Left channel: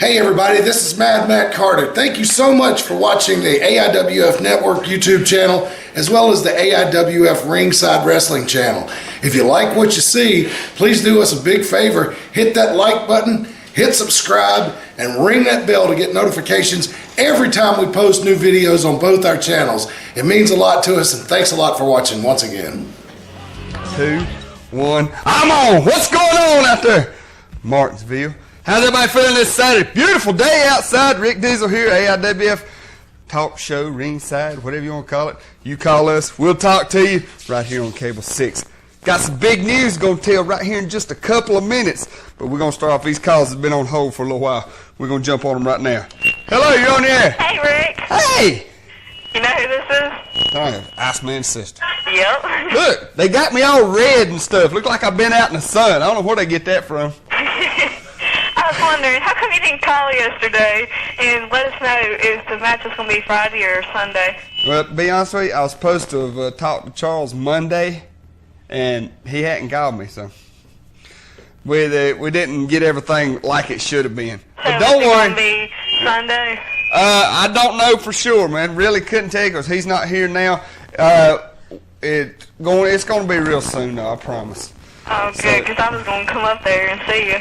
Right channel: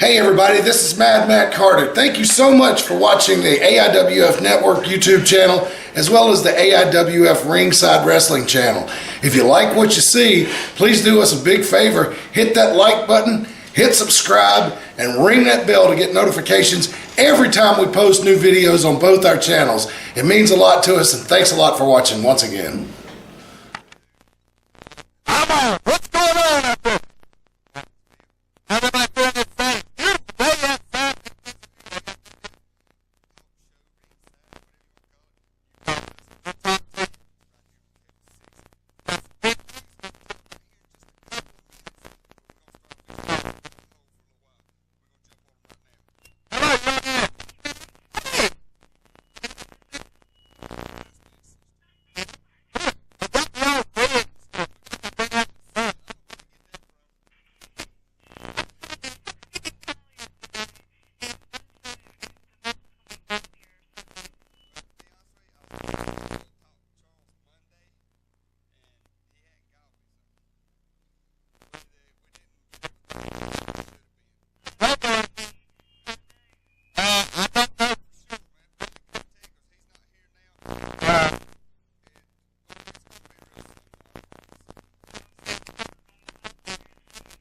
Hey everybody, this is Mad Matt Carter. Thank you so much for watching the AIWF Network YouTube channel as well as the AIWF Ringside Wrestling channel. If you like what you see, please do us a big favor. Hit that like button, hit subscribe, and ring that bell to get notifications every time we post new videos on both our channels. It means a lot to us, and thanks a lot for watching once again. 2, 1, I'm on! What's going on out there? Martinsville. How's everybody feeling this Saturday? Beautiful day outside. Rick Deezel here, AIWF Talk Show, Ringside, whatever you want to call it. You call us, we'll talk to you right here on Cable 6. Got some big news going to tell right here in just a couple of minutes, but we're going to start off these calls that have been on hold for a little while. We're going to jump on them right now. Hello, you're on the air. Hey, Rick. Hey! You know who this is? Iceman's sister. Yep. Look, they got me all red and stuff. Look like I've been out in the sun. I don't know where they get that from. I was wondering, how come you didn't call yesterday and let us know if the match is going to be Friday or Sunday? Well, to be honest with you, I was supposed to have talked to Charles Monday, and he hadn't called me, so we didn't get everything like it should have been. So But don't worry. It's going to be Sunday? I don't know for sure, man. Really couldn't tell you because he's not here now. It's going to be real soon, though, I promise. Oh, good, because I was going to come up there and see you.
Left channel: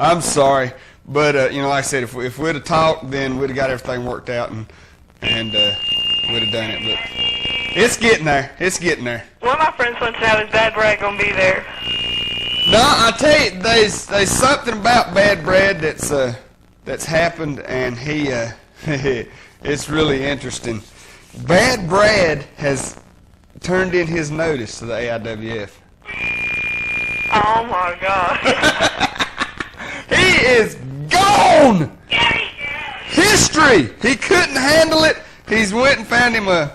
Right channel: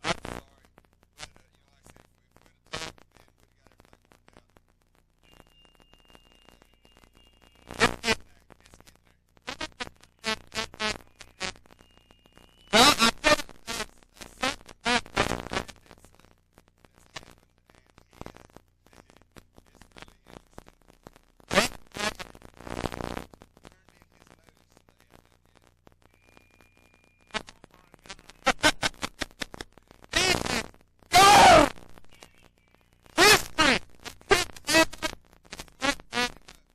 I'm sorry, but like I said, if we'd have talked, then we'd have got everything worked out and we'd have done it. But it's getting there. It's getting there. One of my friends wants to know, is Bad Brad going to be there? No, I tell you, there's something about Bad Brad that's happened, and he it's really interesting. Bad Brad has turned in his notice to the AIWF. Oh, my God. He is gone! History! He couldn't handle it. He's went and found him last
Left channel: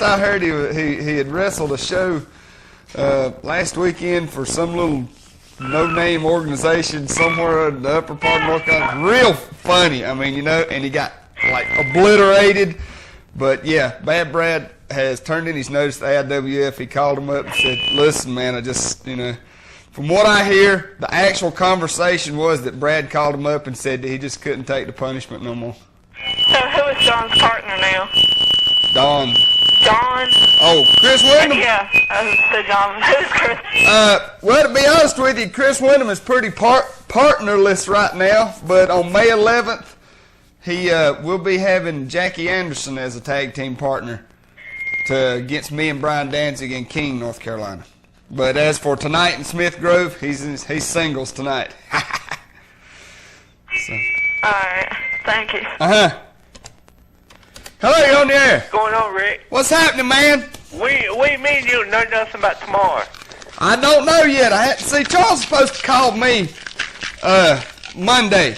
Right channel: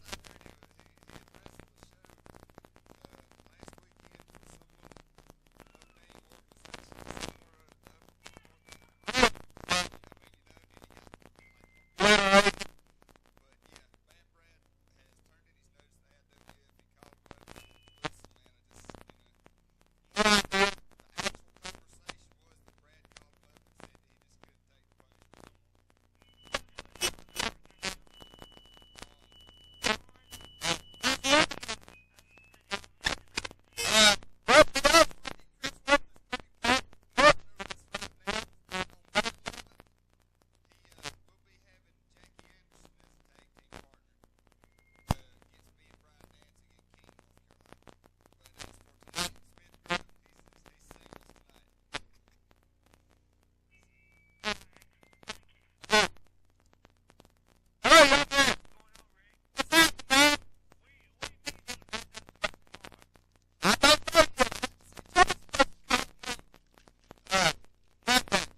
I heard he had wrestled a show last weekend for some little no-name organization somewhere in the upper part of North Carolina. Real funny, I mean, and he got like obliterated. But yeah, Bad Brad has turned in his notice to AIWF. He called him up and said, listen, man, I just, from what I hear, the actual conversation was that Brad called him up and said that he just couldn't take the punishment no more. So who is Don's partner now? Don. Don? Oh, Chris Wyndham? Yeah, I said Don. Who's Chris? Well, to be honest with you, Chris Wyndham is pretty partnerless right now, but on May 11th, he will be having Jackie Anderson as a tag team partner against me and Brian Danzig in King, North Carolina. But as for tonight in Smith Grove, he's singles tonight. So. All right, thank you. Hello, you're on the air. What's going on, Rick? What's happening, man? We mean you know nothing about tomorrow. I don't know yet. See, Charles is supposed to call me Monday.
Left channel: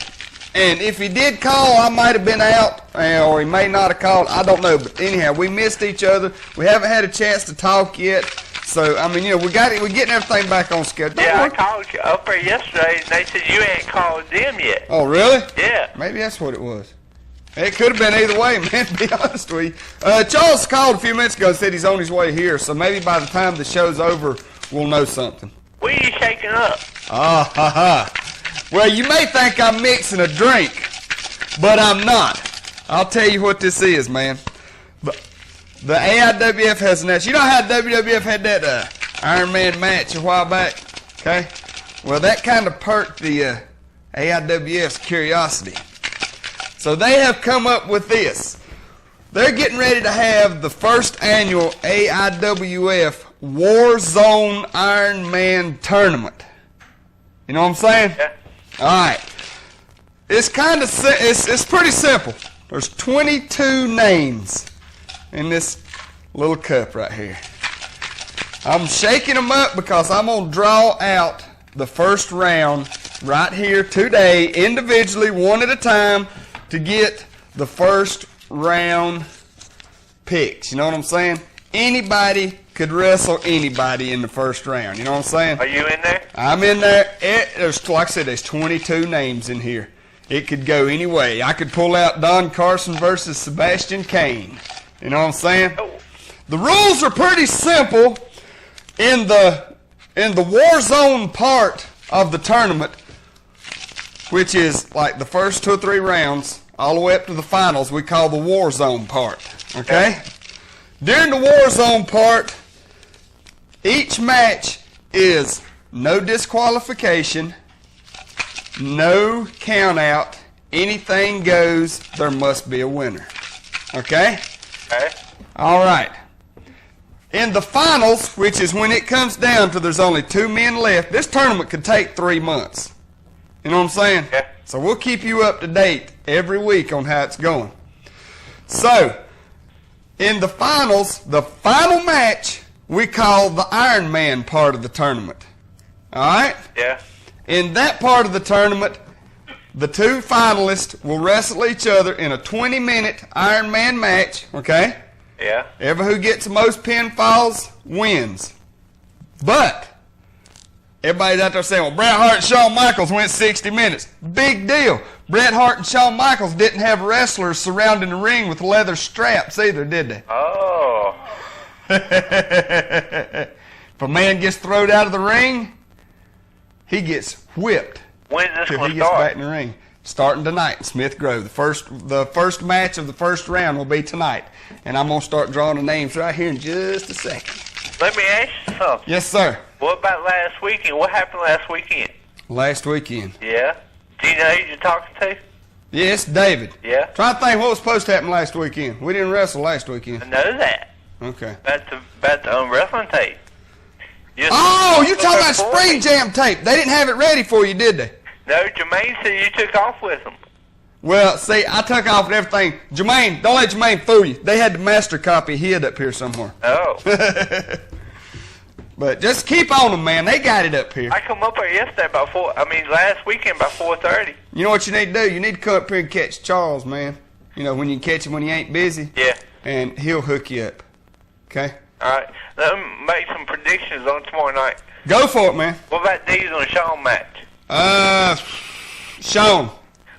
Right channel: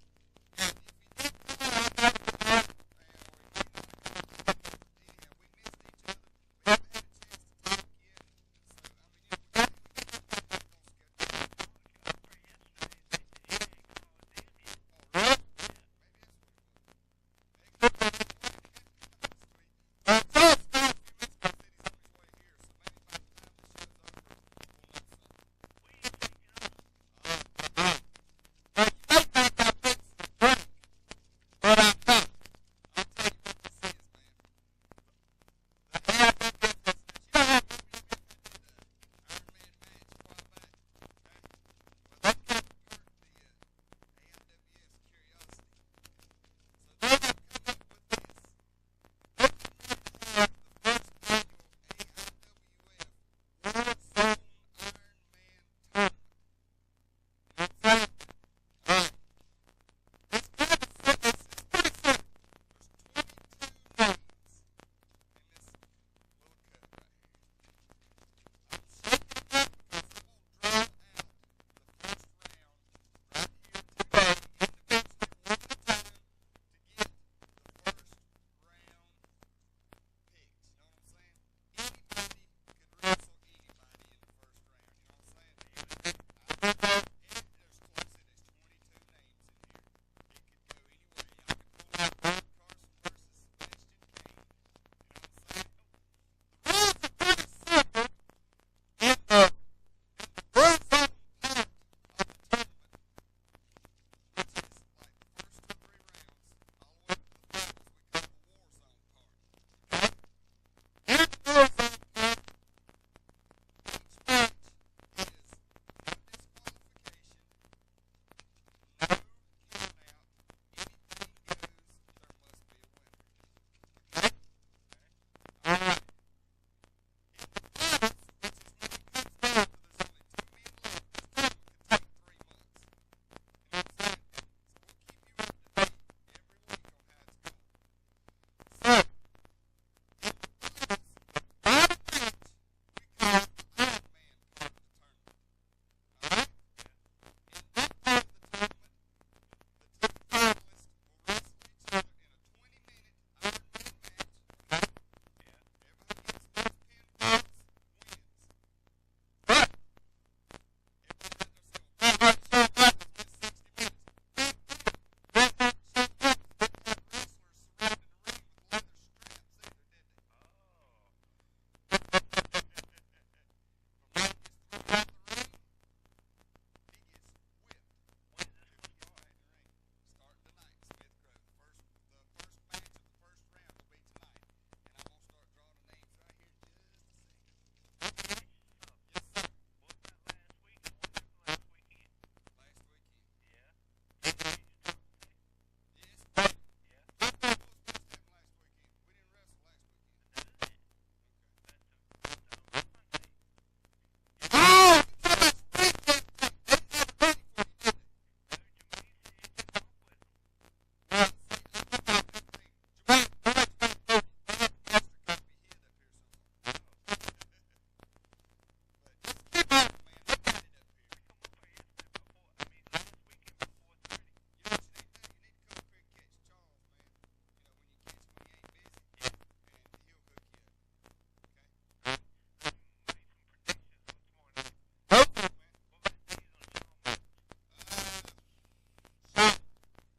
And if he did call, I might have been out, or he may not have called. I don't know. But anyhow, we missed each other. We haven't had a chance to talk yet. So, I mean, we're getting everything back on schedule. Yeah, I called you up there yesterday, and they said you ain't called them yet. Oh, really? Yeah. Maybe that's what it was. It could have been either way, man, to be honest with you. Charles called a few minutes ago and said he's on his way here, so maybe by the time the show's over, we'll know something. What are you shaking up? Well, you may think I'm mixing a drink, but I'm not. I'll tell you what this is, man. The AIWF has announced. You know how WWF had that Iron Man match a while back? Okay? Well, that kind of perked the AIWF's curiosity. So they have come up with this. They're getting ready to have the first annual AIWF Warzone Iron Man tournament. You know what I'm saying? Yeah. All right. It's it's pretty simple. There's 22 names in this little cup right here. I'm shaking them up because I'm going to draw out the first round right here today, individually, one at a time, to get the first round picks. You know what I'm saying? Anybody could wrestle anybody in the first round. You know what I'm saying? Are you in there? I'm in there. There's, like I said, there's 22 names in here. It could go any way. I could pull out Don Carson versus Sebastian Kane. You know what I'm saying? Oh. The rules are pretty simple. In the Warzone part of the tournament, which is like the first 2 or 3 rounds, all the way up to the finals, we call the war zone part. Okay? During the war zone part, each match is no disqualification, no count out, anything goes, there must be a winner. Okay? Okay. All right. In the finals, which is when it comes down to there's only 2 men left, this tournament could take 3 months. You know what I'm saying? Yeah. So we'll keep you up to date every week on how it's going. So, in the finals, the final match, we call the Iron Man part of the tournament. All right? Yeah. In that part of the tournament, the 2 finalists will wrestle each other in a 20-minute Iron Man match, okay? Yeah. Ever who gets the most pinfalls wins. But everybody's out there saying, well, Bret Hart and Shawn Michaels went 60 minutes. Big deal. Bret Hart and Shawn Michaels didn't have wrestlers surrounding the ring with leather straps either, did they? Oh. If a man gets thrown out of the ring, he gets whipped When's this till going he to gets start? back in the ring. Starting tonight in Smith Grove. The first match of the first round will be tonight. And I'm going to start drawing the names right here in just a second. Let me ask you something. Yes, sir. What about last weekend? What happened last weekend? Last weekend. Yeah. Do you know who you're talking to? Yes, David. Yeah. Try to think what was supposed to happen last weekend. We didn't wrestle last weekend. I know that. Okay. About the wrestling tape. Oh, you're talking about Spring Jam tape. They didn't have it ready for you, did they? No, Jermaine said you took off with them. Well, see, I took off and everything. Jermaine, don't let Jermaine fool you. They had the master copy hid up here somewhere. Oh. But just keep on them, man. They got it up here. I come up here yesterday last weekend about 4:30. You know what you need to do? You need to come up here and catch Charles, man. You know, when you catch him when he ain't busy. Yeah. And he'll hook you up. Okay? All right. Let me make some predictions on tomorrow night. Go for it, man. What about Deezel and Shawn match? Sean.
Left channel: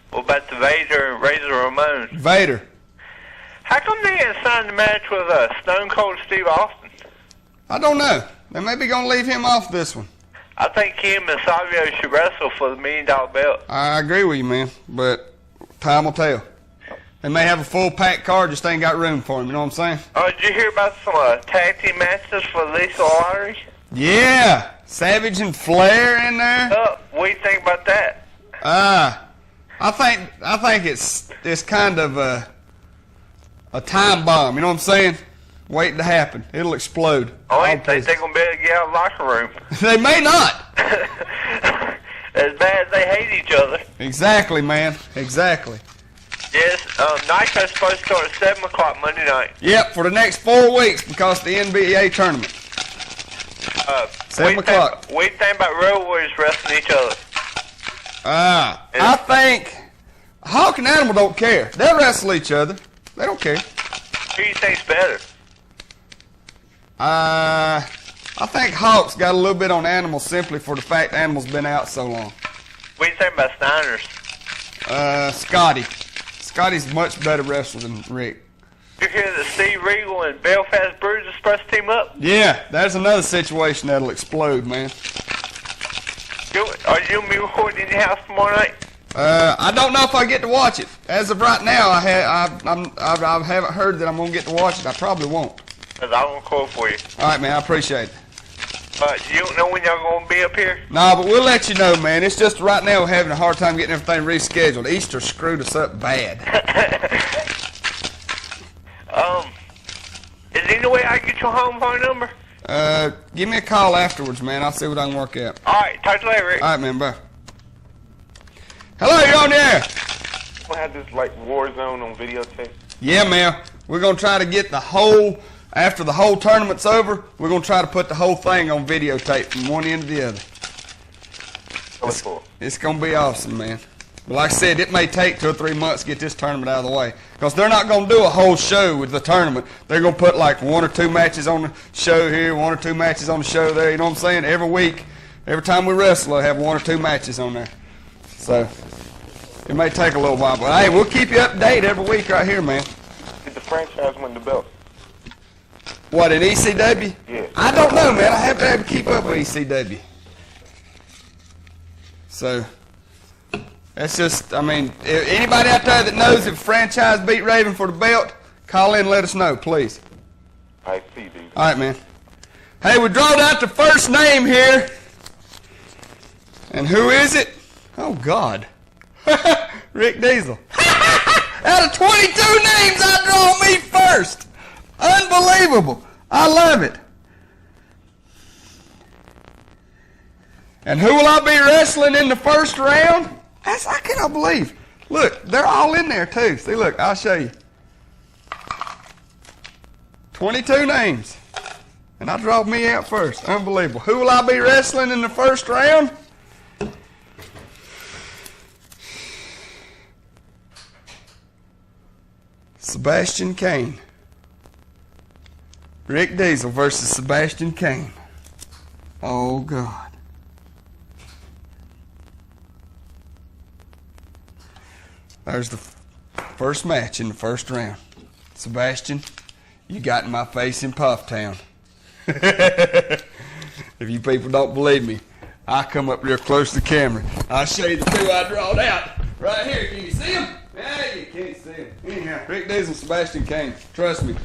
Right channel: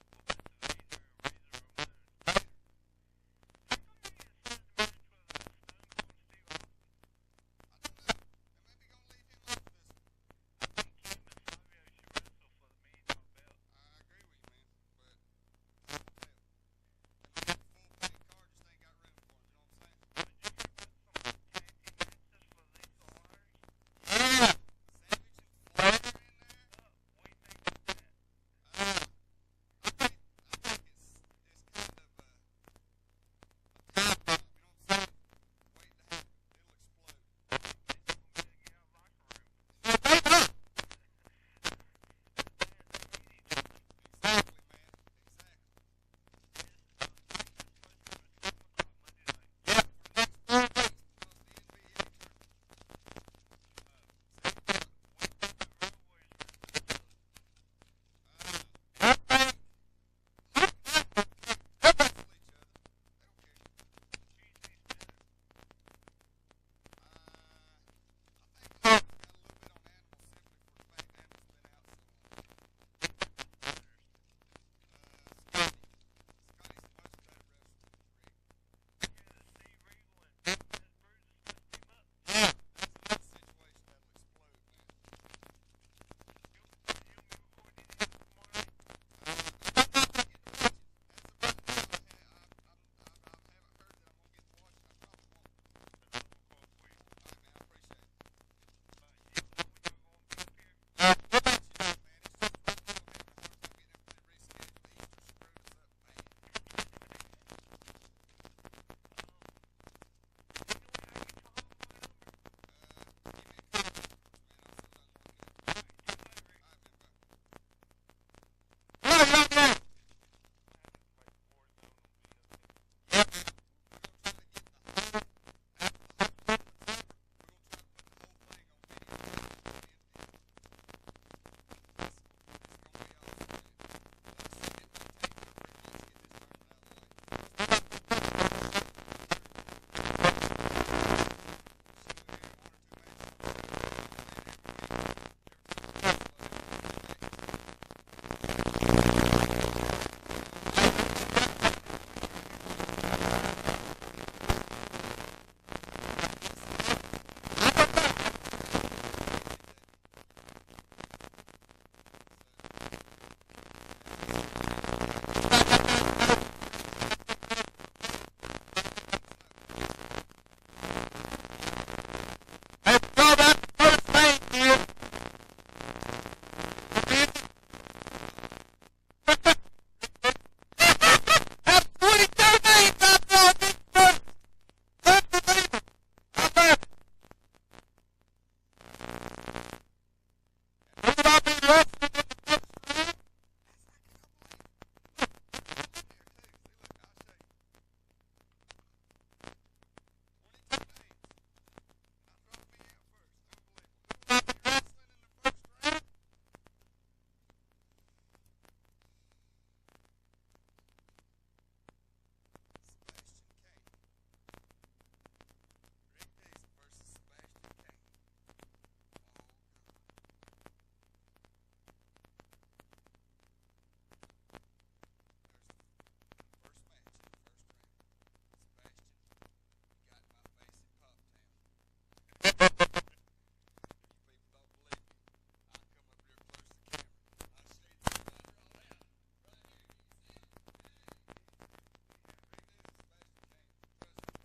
What about the Vader and Razor Ramon? Vader. How come they didn't sign the match with Stone Cold Steve Austin? I don't know. They may be going to leave him off this one. I think him and Savio should wrestle for the $1 million belt. I agree with you, man. But time will tell. They may have a full-packed card, just ain't got room for him. You know what I'm saying? Oh, did you hear about some tag team matches for the Lethal Lottery? Yeah. Savage and Flair in there. What do you think about that? I think it's kind of a time bomb. You know what I'm saying? Waiting to happen. It'll explode. I ain't think they're going to be able to get out of the locker room. They may not. As bad as they hate each other. Exactly, man. Exactly. Yes, Nitro's supposed to start at 7 o'clock Monday night. Yep, for the next 4 weeks because of the NBA tournament. 7 o'clock. What do you think about Road Warriors wrestling each other? I think Hawk and Animal don't care. They'll wrestle each other. They don't care. Who do you think's better? I think Hawk's got a little bit on Animal simply for the fact Animal's been out so long. What do you think about Steiner's? Scotty. Scotty's a much better wrestler than Rick. You hear that Steve Regal and Belfast Bruce are supposed to team up? Yeah, that's another situation that'll explode, man. Are you going to be recording in your house tomorrow night? I don't know if I get to watch it. As of right now, I haven't heard that I'm going to get to watch it. I probably won't. Because I won't call for you. All right, man, I appreciate it. You don't know when y'all going to be up here? No, but we'll let you know, man. It's just right now we're having a hard time getting everything rescheduled. Easter screwed us up bad. Is there any way I can get your home phone number? Give me a call afterwards, man. I'll see what I can work out. All right, talk to you later, Rick. All right, man, bye. Hello, you're on the air. We'll have this like war zone on videotape. Yeah, man. We're going to try to get the whole, after the whole tournament's over, we're going to try to put the whole thing on videotape from one end to the other. It's going to be awesome, man. But like I said, it may take 2 or 3 months to get this tournament out of the way. Because they're not going to do a whole show with the tournament. They're going to put like 1 or 2 matches on the show here, 1 or 2 matches on the show there. You know what I'm saying? Every week, every time we wrestle, they'll have 1 or 2 matches on there. So, it may take a little while. But hey, we'll keep you up to date every week right here, man. Did the franchise win the belt? What, in ECW? Yeah. I don't know, man. I haven't been able to keep up with ECW. So, That's just, I mean, if anybody out there that knows if franchise beat Raven for the belt, call in and let us know, please. I see, D. All right, man. Hey, we drawed out the first name here. And who is it? Oh, God. Rick Deezel. Out of 22 names, I draw me first. Unbelievable. I love it. And who will I be wrestling in the first round? I cannot believe. Look, they're all in there, too. See, look, I'll show you. 22 names. And I drawed me out first. Unbelievable. Who will I be wrestling in the first round? Sebastian Kane. Rick Deezel versus Sebastian Kane. Oh, God. There's the first match in the first round. Sebastian, you got in my face in Pufftown. If you people don't believe me, I'll come up real close to the camera. I'll show you the two I drawed out. Right here. Can you see them? Yeah, you can't see them. Anyhow, Rick Deezel, Sebastian Kane. Trust me.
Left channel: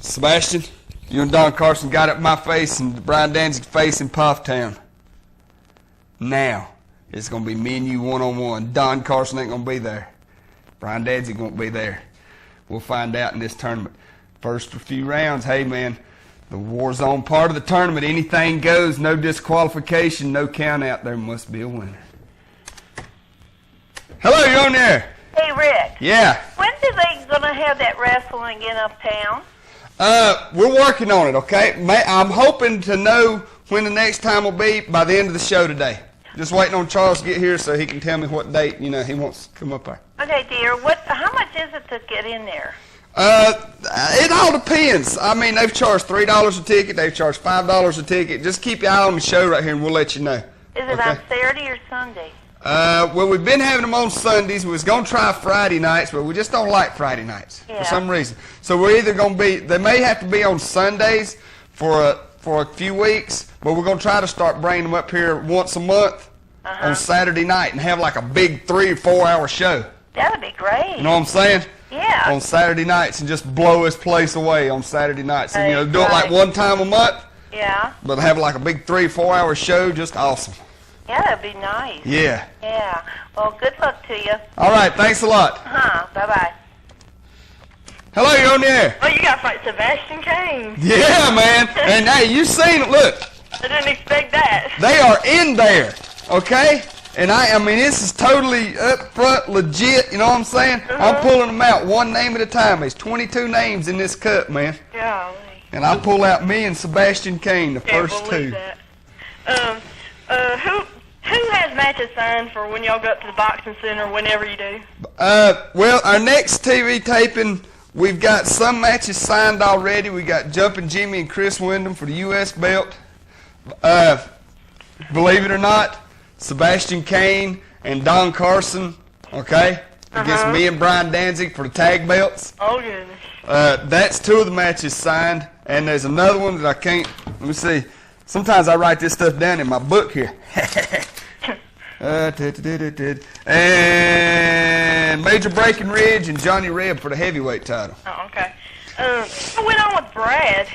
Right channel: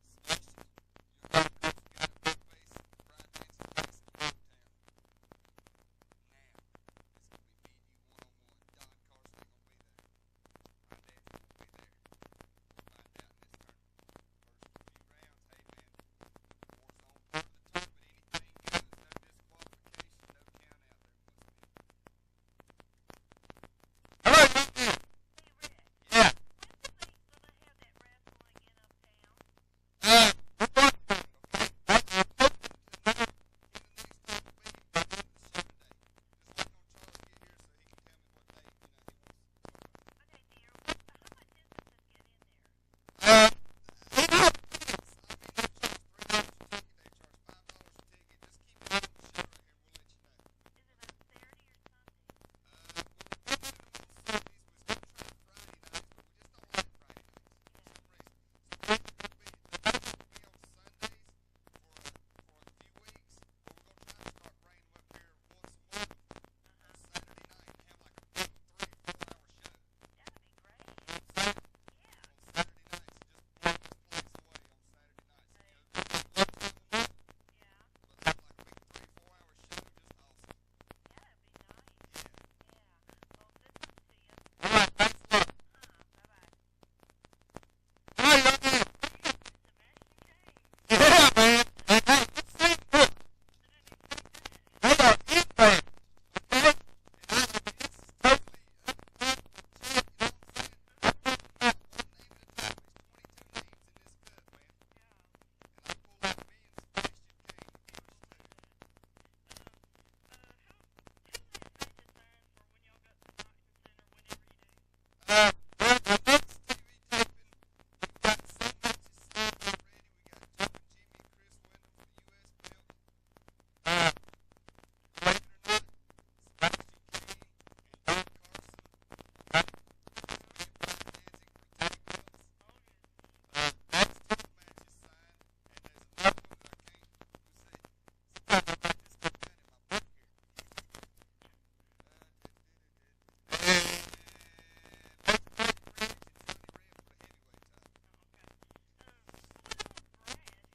Sebastian, you and Don Carson got up my face and Brian Danzig's face in Pufftown. Now, it's going to be me and you one-on-one. Don Carson ain't going to be there. Brian Danzig won't be there. We'll find out in this tournament. First few rounds, hey, man, the war zone part of the tournament, anything goes, no disqualification, no count out. There must be a winner. Hello, you're on there. Hey, Rick. Yeah. When are they going to have that wrestling in uptown? We're working on it, okay? I'm hoping to know when the next time will be by the end of the show today. Just waiting on Charles to get here so he can tell me what date, he wants to come up there. Okay, dear. How much is it to get in there? It all depends. I mean, they've charged $3 a ticket. They've charged $5 a ticket. Just keep your eye on the show right here and we'll let you know. Is it on Saturday or Sunday? Well, we've been having them on Sundays. We was going to try Friday nights, but we just don't like Friday nights for some reason. So we're either going to be, they may have to be on Sundays for a few weeks, but we're going to try to start bringing them up here once a month on Saturday night and have like a big 3 or 4 hour show. That would be great. You know what I'm saying? Yeah. On Saturday nights and just blow this place away on Saturday nights. And, do it like one time a month. Yeah. But have like a big 3 or 4 hour show, just awesome. Yeah, that'd be nice. Yeah. Yeah. Well, good luck to you. All right, thanks a lot. Bye-bye. Hello, you're on the air. Oh, you got to fight Sebastian Kane. Yeah, man. And hey, you seen it. Look. I didn't expect that. They are in there, okay? And I mean, this is totally up front, legit, you know what I'm saying? I'm pulling them out one name at a time. There's 22 names in this cup, man. Golly. And I pull out me and Sebastian Kane, the Can't first believe that. Who has matches signed for when y'all go up to the boxing center whenever you do? Well, our next TV taping, we've got some matches signed already. We got Jumpin' Jimmy and Chris Wyndham for the U.S. belt. Believe it or not, Sebastian Kane and Don Carson, okay, against me and Brian Danzig for the tag belts. Oh, goodness. That's 2 of the matches signed, and there's another one that I can't, let me see. Sometimes I write this stuff down in my book here. And Major Breckenridge and Johnny Reb for the heavyweight title. Oh, okay. What went on with Brad?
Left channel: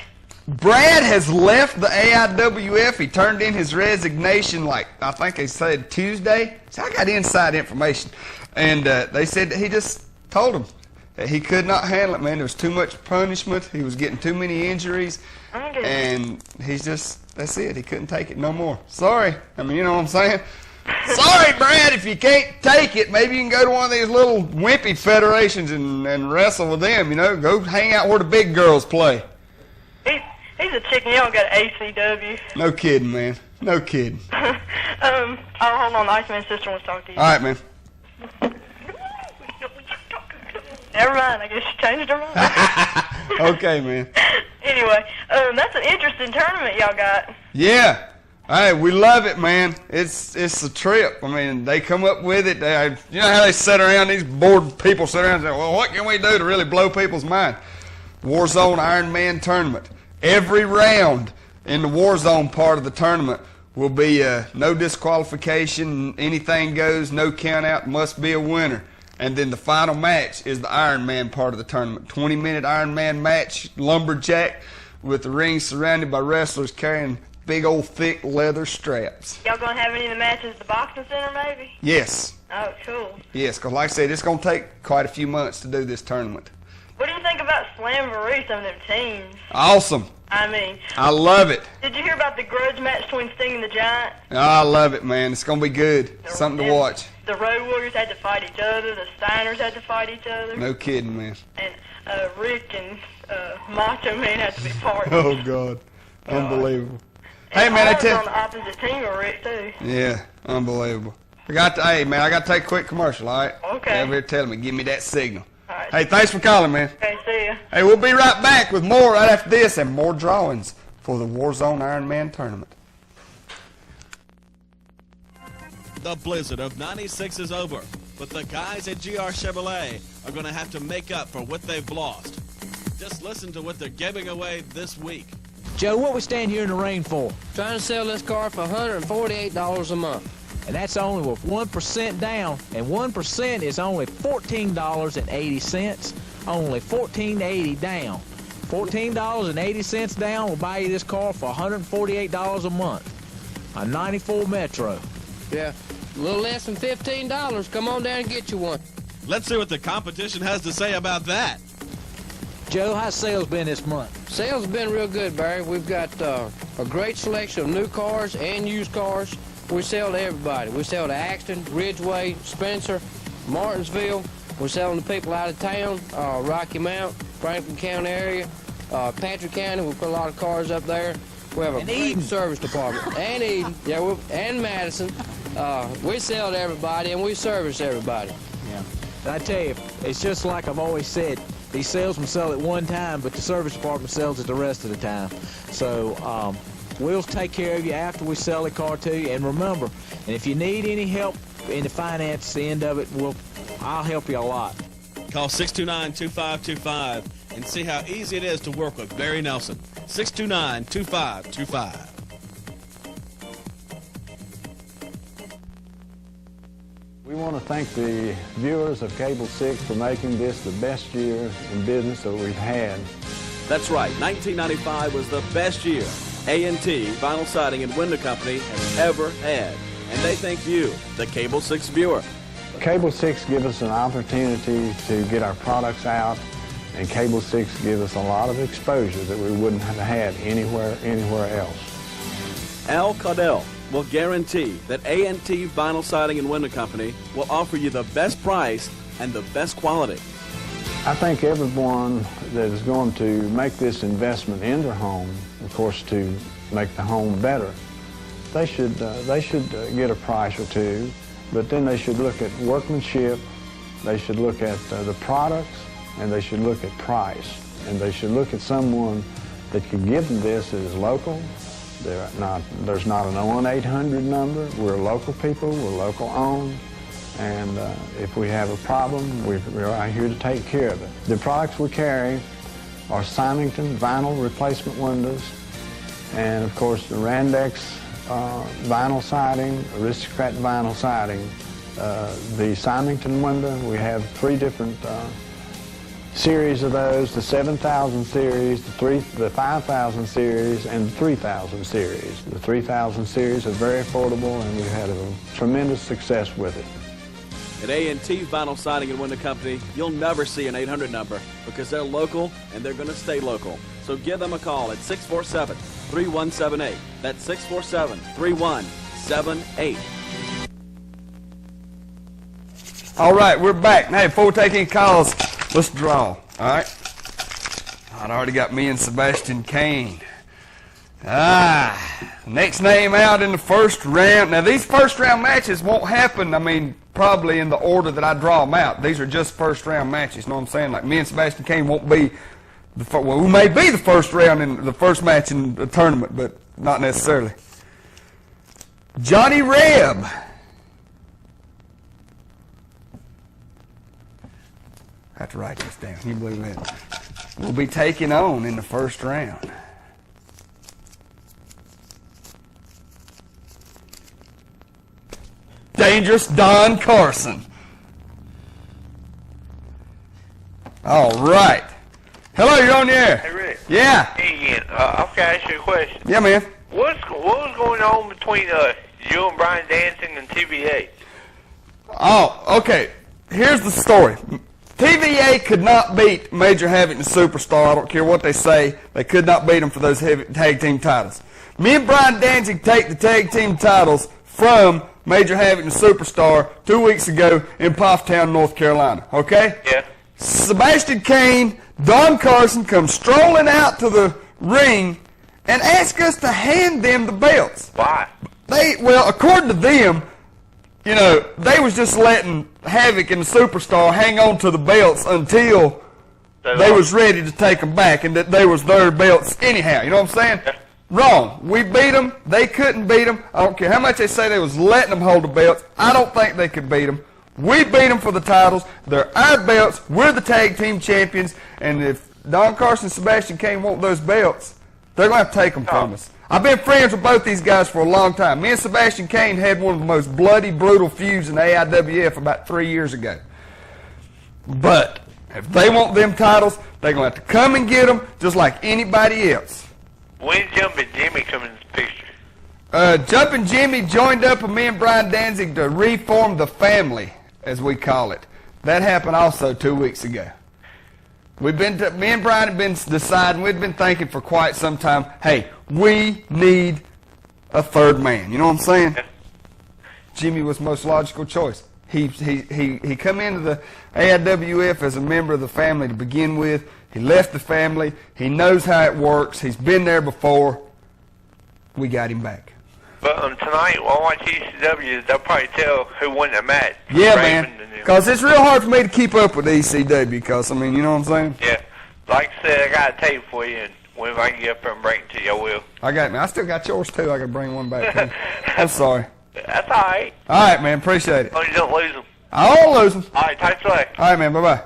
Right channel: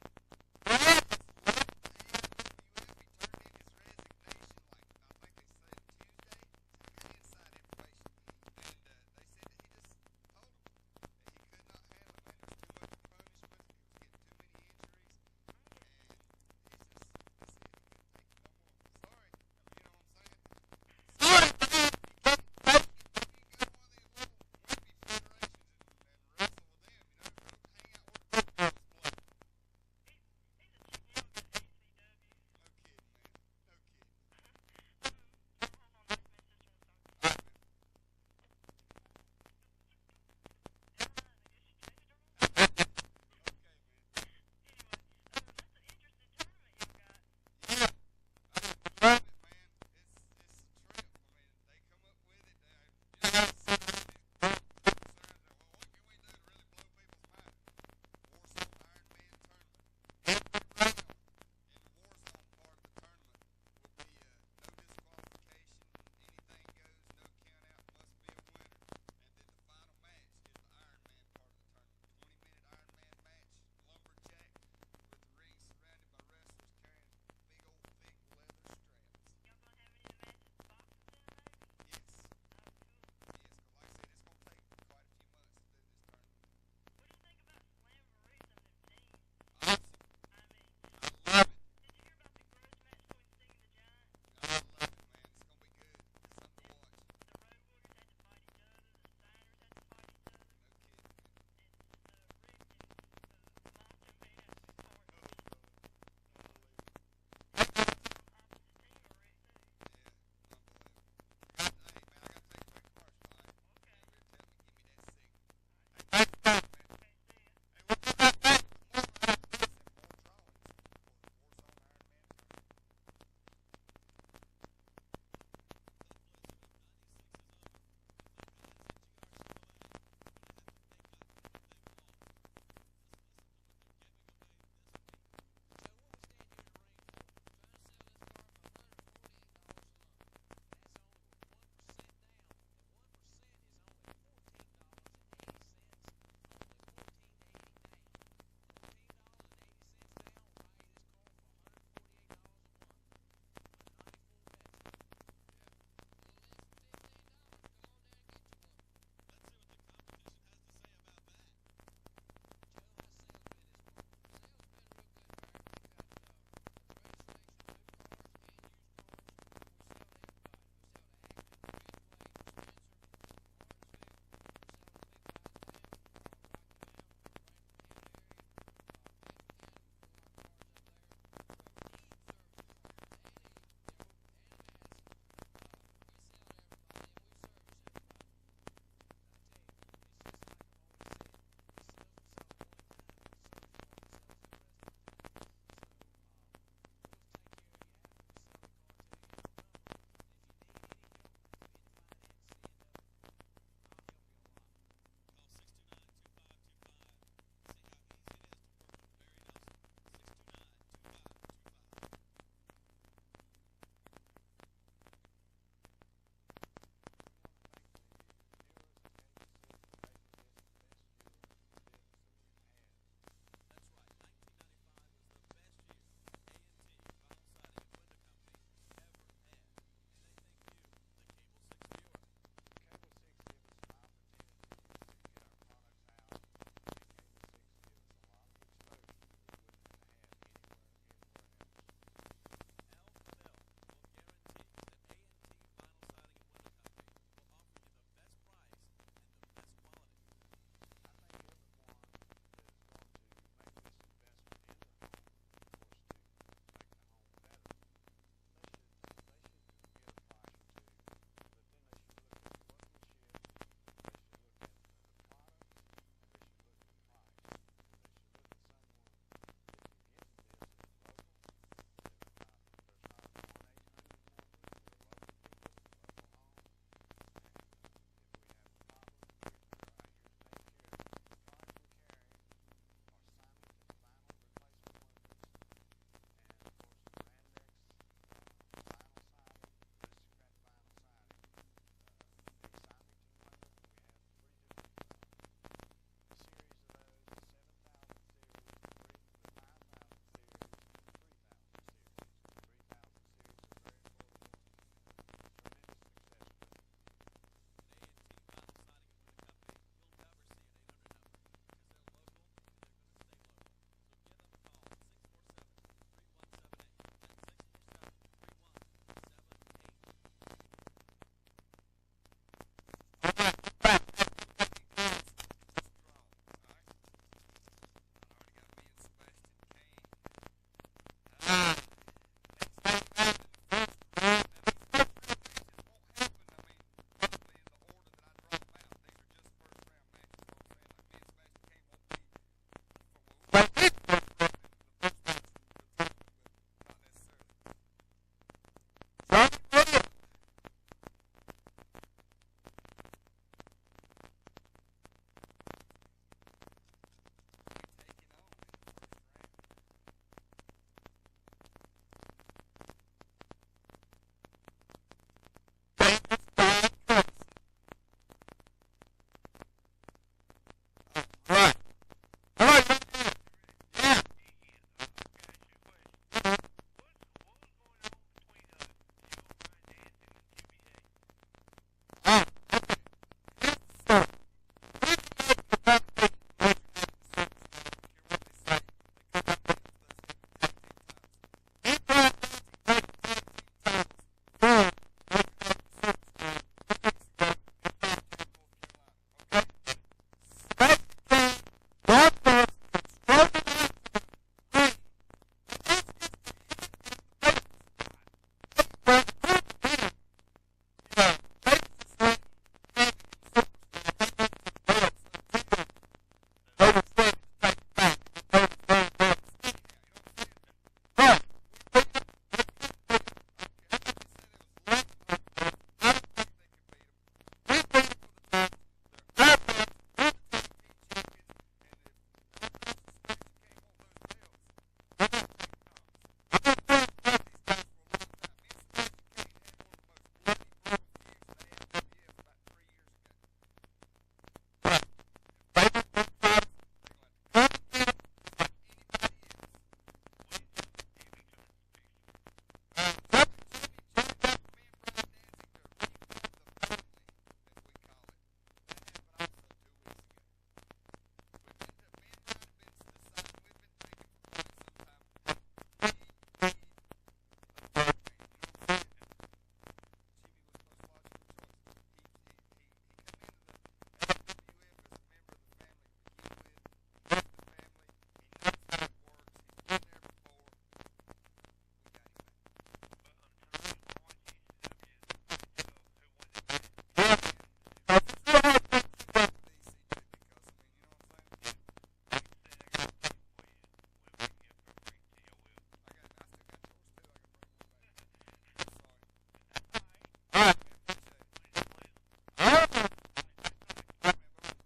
Brad has left the AIWF. He turned in his resignation, like I think they said Tuesday. So I got inside information, and they said that he just told him that he could not handle it. Man, there was too much punishment. He was getting too many injuries, and he's just—that's it. He couldn't take it no more. Sorry. I mean, you know what I'm saying? Sorry, Brad. If you can't take it, maybe you can go to one of these little wimpy federations and wrestle with them. You know, go hang out where the big girls play. He's a chicken. You don't got an ACW. No kidding, man. No kidding. Oh, hold on. The Iceman's sister wants to talk to you. All right, man. Never mind. I guess she changed her mind. Okay, man. Anyway, that's an interesting tournament y'all got. Yeah. Hey, we love it, man. It's a trip. I mean, they come up with it. You know how they sit around, these bored people sit around and say, well, what can we do to really blow people's mind? Warzone Iron Man tournament. Every round in the Warzone part of the tournament, will be no disqualification, anything goes, no count out, must be a winner. And then the final match is the Ironman part of the tournament. 20-minute Ironman match, lumberjack, with the ring surrounded by wrestlers carrying big old thick leather straps. Y'all gonna have any of the matches at the boxing center, maybe? Yes. Oh, cool. Yes, because like I said, it's going to take quite a few months to do this tournament. What do you think about Slamboree, some of them teams? Awesome. I mean, I love it. did you hear about the grudge match between Sting and the Giant? I love it, man. It's going to be good. Something to watch. The Road Warriors had to fight each other. The Steiners had to fight each other. No kidding, man. And Rick and Macho Man had to be partners. Oh, God. Unbelievable. Hey, man, I was tell on the opposite team of Rick, too. Yeah, unbelievable. Hey, man, I got to take a quick commercial, all right? Okay. Over here telling me, give me that signal. All right. Hey, thanks for calling, man. Okay, see ya. Hey, we'll be right back with more right after this and more drawings for the Warzone Ironman tournament. The blizzard of 96 is over, but the guys at GR Chevrolet are going to have to make up for what they've lost. Just listen to what they're giving away this week. Joe, what we stand here in the rain for? Trying to sell this car for $148 a month. And that's only with 1% down, and 1% is only $14.80. Only $14.80 down. $14.80 down will buy you this car for $148 a month. A 94 Metro. Yeah, a little less than $15. Come on down and get you one. Let's see what the competition has to say about that. Joe, how's sales been this month? Sales have been real good, Barry. We've got a great selection of new cars and used cars. We sell to everybody. We sell to Axton, Ridgeway, Spencer, Martinsville. We're selling to people out of town, Rocky Mount, Franklin County area, Patrick County. We put a lot of cars up there. We have a great service department. And Eden, yeah, and Madison. We sell to everybody and we service everybody. Yeah. And I tell you, it's just like I've always said, these salesmen sell at one time, but the service department sells it the rest of the time. So we'll take care of you after we sell the car to you. And remember, and if you need any help in the finance end of it, I'll help you a lot. Call 629-2525 and see how easy it is to work with Barry Nelson. 629-2525. We want to thank the viewers of Cable 6 for making this the best year in business that we've had. That's right, 1995 was the best year A&T Vinyl Siding and Window Company has ever had. And they thank you, the Cable 6 viewer. Cable 6 gives us an opportunity to get our products out, and Cable 6 gives us a lot of exposure that we wouldn't have had anywhere else. Al Caudell will guarantee that A&T Vinyl Siding and Window Company will offer you the best price and the best quality. I think everyone that is going to make this investment in their home, of course, to make the home better, they should get a price or two, but then they should look at workmanship, they should look at the products, and they should look at price. And they should look at someone that can give them this that is local. There's not an 1-800 number. We're local people, we're local owned, and if we have a problem, we're right here to take care of it. The products we carry are Symington vinyl replacement windows, and of course the Randex vinyl siding, Aristocrat vinyl siding. The Symington window, we have 3 different series of those, the 7,000 series, the 5,000 series, and the 3,000 series. The 3,000 series are very affordable, and we've had a tremendous success with it. At A&T Vinyl Siding and Window Company, you'll never see an 800 number because they're local and they're going to stay local. So give them a call at 647-3178. That's 647-3178. All right, we're back. Now, before we take any calls, let's draw, all right? I'd already got me and Sebastian Kane. Next name out in the first round. Now, these first round matches won't happen, probably in the order that I draw them out. These are just first round matches, you know what I'm saying? Like, me and Sebastian Kane won't be, we may be the first round in the first match in the tournament, but not necessarily. Johnny Reb. I have to write this down. Can you believe that? We'll be taking on in the first round. dangerous Don Carson. All right. Hello, you're on the air. Hey, Rick. Yeah. Hey, again. I've got to ask you a question. Yeah, man. What was going on between you and Brian Dancing and TVA? Oh, okay. Here's the story. TVA could not beat Major Havoc and Superstar. I don't care what they say. They could not beat them for those tag team titles. Me and Brian Danzig take the tag team titles from Major Havoc and Superstar 2 weeks ago in Pofftown, North Carolina. Okay? Yeah. Sebastian Kane, Don Carson come strolling out to the ring and ask us to hand them the belts. Why? Well, according to them, you know, they was just letting Havoc and the Superstar hang on to the belts until they was ready to take them back, and that they was their belts anyhow. You know what I'm saying? Yeah. Wrong. We beat them. They couldn't beat them. I don't care how much they say they was letting them hold the belts. I don't think they could beat them. We beat them for the titles. They're our belts. We're the tag team champions. And if Don Carson and Sebastian Kane want those belts, they're going to have to take them from us. I've been friends with both these guys for a long time. Me and Sebastian Kane had one of the most bloody, brutal feuds in the AIWF about 3 years ago. But if they want them titles, they're going to have to come and get them just like anybody else. When Jumpin' Jimmy come in the picture? Jumpin' Jimmy joined up with me and Brian Danzig to reform the family, as we call it. That happened also 2 weeks ago. Me and Brian have been deciding, we've been thinking for quite some time, hey, we need a third man. You know what I'm saying? Yeah. Jimmy was the most logical choice. He come into the AIWF as a member of the family to begin with. He left the family. He knows how it works. He's been there before. We got him back. But tonight, while I watch ECW, they'll probably tell who won the match. Yeah, Raven man. and them. Because it's real hard for me to keep up with ECW because, I mean, you know what I'm saying? Yeah. Like I said, I got a tape for you, and whenever I can get up there and bring it to you, I will. I still got yours, too. I can bring one back. I'm sorry. That's all right. All right, man. Appreciate it. As long as you don't lose them. I won't lose them. All right, tight slack. All right, man. Bye-bye.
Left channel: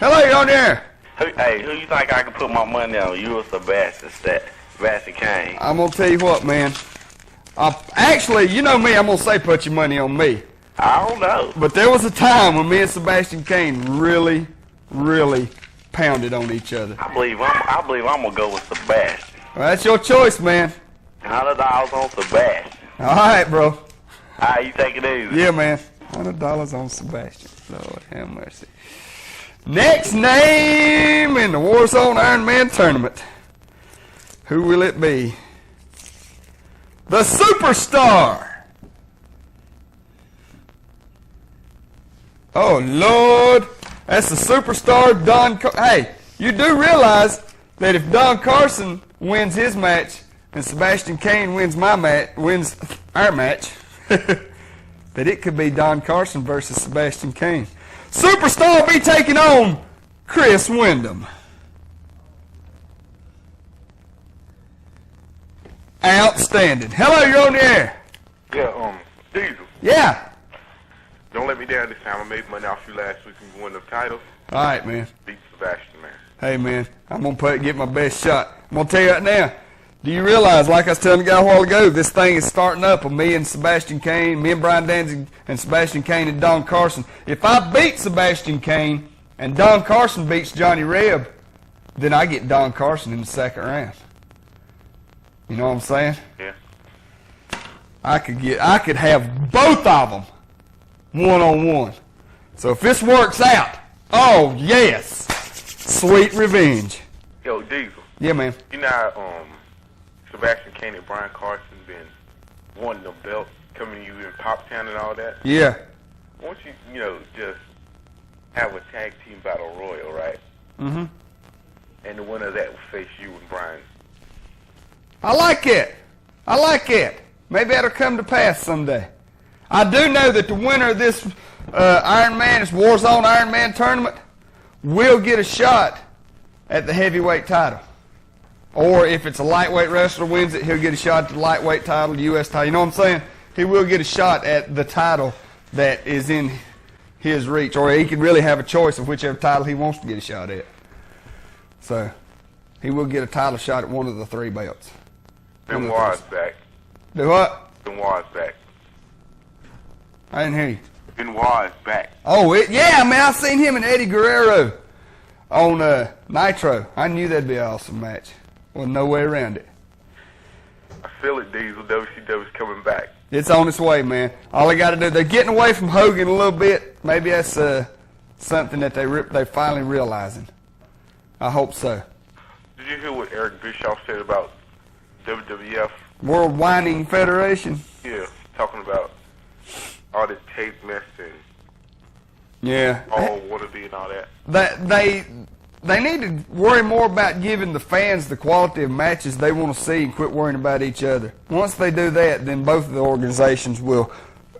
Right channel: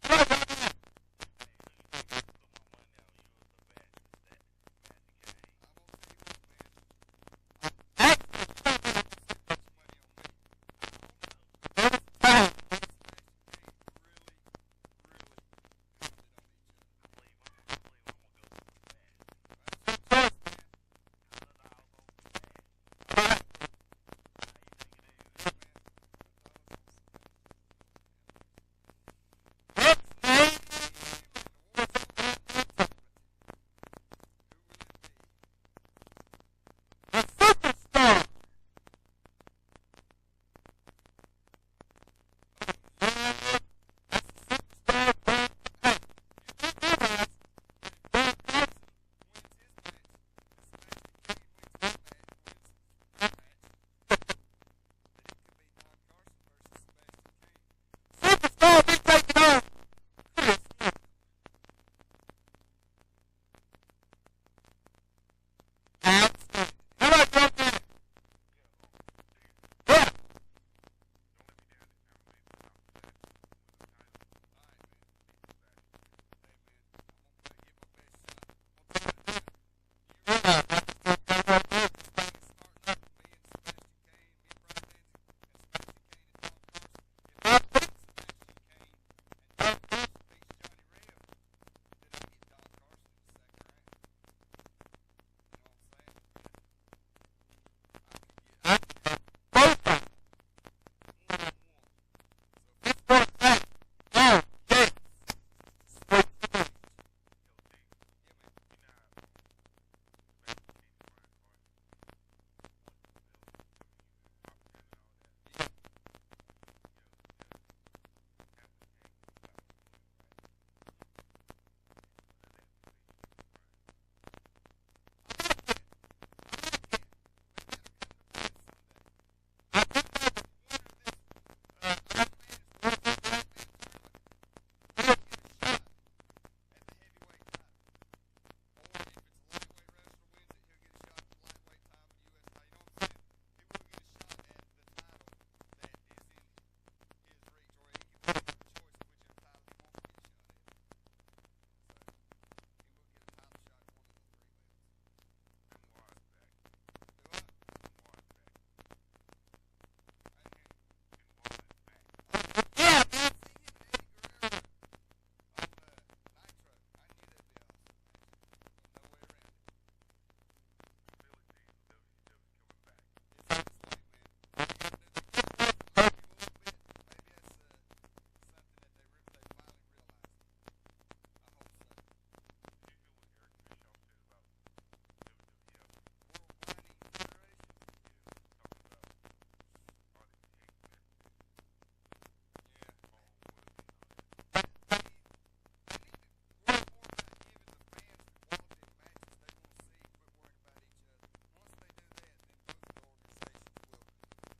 Hello, you're on the air. Who you think I can put my money on? You or Sebastian Kane? I'm going to tell you what, man. Actually, you know me. I'm going to say put your money on me. I don't know. But there was a time when me and Sebastian Kane really, really pounded on each other. I believe I'm gonna go with Sebastian. Well, that's your choice, man. $100 on Sebastian. All right, bro. All right, you take it easy. Yeah, man. $100 on Sebastian. Lord have mercy. Next name in the Warzone Iron Man tournament. Who will it be? The Superstar. Oh, Lord. That's the Superstar Don Carson. Hey, you do realize that if Don Carson wins his match and Sebastian Kane wins our match, that it could be Don Carson versus Sebastian Kane. Superstar will be taking on Chris Wyndham. Outstanding. Hello, you're on the air. Yeah, Deezel. Yeah. Don't let me down this time. I made money off you last week and you won the title. All right, man. Beat Sebastian, man. Hey, man, I'm going to get my best shot. I'm going to tell you right now, do you realize, like I was telling the guy a while ago, this thing is starting up with me and Sebastian Kane, me and Brian Danzig and Sebastian Kane and Don Carson. If I beat Sebastian Kane and Don Carson beats Johnny Reb, then I get Don Carson in the second round. You know what I'm saying? Yeah. I could have both of them one-on-one. So if this works out, oh, yes, sweet revenge. Yo, Deezel. Yeah, man. You know how, Sebastian Kane and Brian Carson been wanting the belt, coming to you in Popptown and all that? Yeah. Why don't you, just have a tag team battle royal, right? Mm-hmm. And the winner of that will face you and Brian. I like it. I like it. Maybe that'll come to pass someday. I do know that the winner of this this Warzone Iron Man tournament will get a shot at the heavyweight title. Or if it's a lightweight wrestler wins it, he'll get a shot at the lightweight title, the U.S. title. You know what I'm saying? He will get a shot at the title that is in his reach. Or he can really have a choice of whichever title he wants to get a shot at. So, he will get a title shot at one of the three belts. Benoit's back. Do what? Benoit's back. I didn't hear you. Benoit is back. Oh, yeah, man, I seen him and Eddie Guerrero on Nitro. I knew that'd be an awesome match. Well, no way around it. I feel it, Deezel. WCW's coming back. It's on its way, man. All they got to do, they're getting away from Hogan a little bit. Maybe that's something that they finally realizing. I hope so. Did you hear what Eric Bischoff said about WWF? World Whining Federation? Yeah, talking about all this tape mess and Yeah. all wannabe and all that. They need to worry more about giving the fans the quality of matches they want to see and quit worrying about each other. Once they do that, then both of the organizations will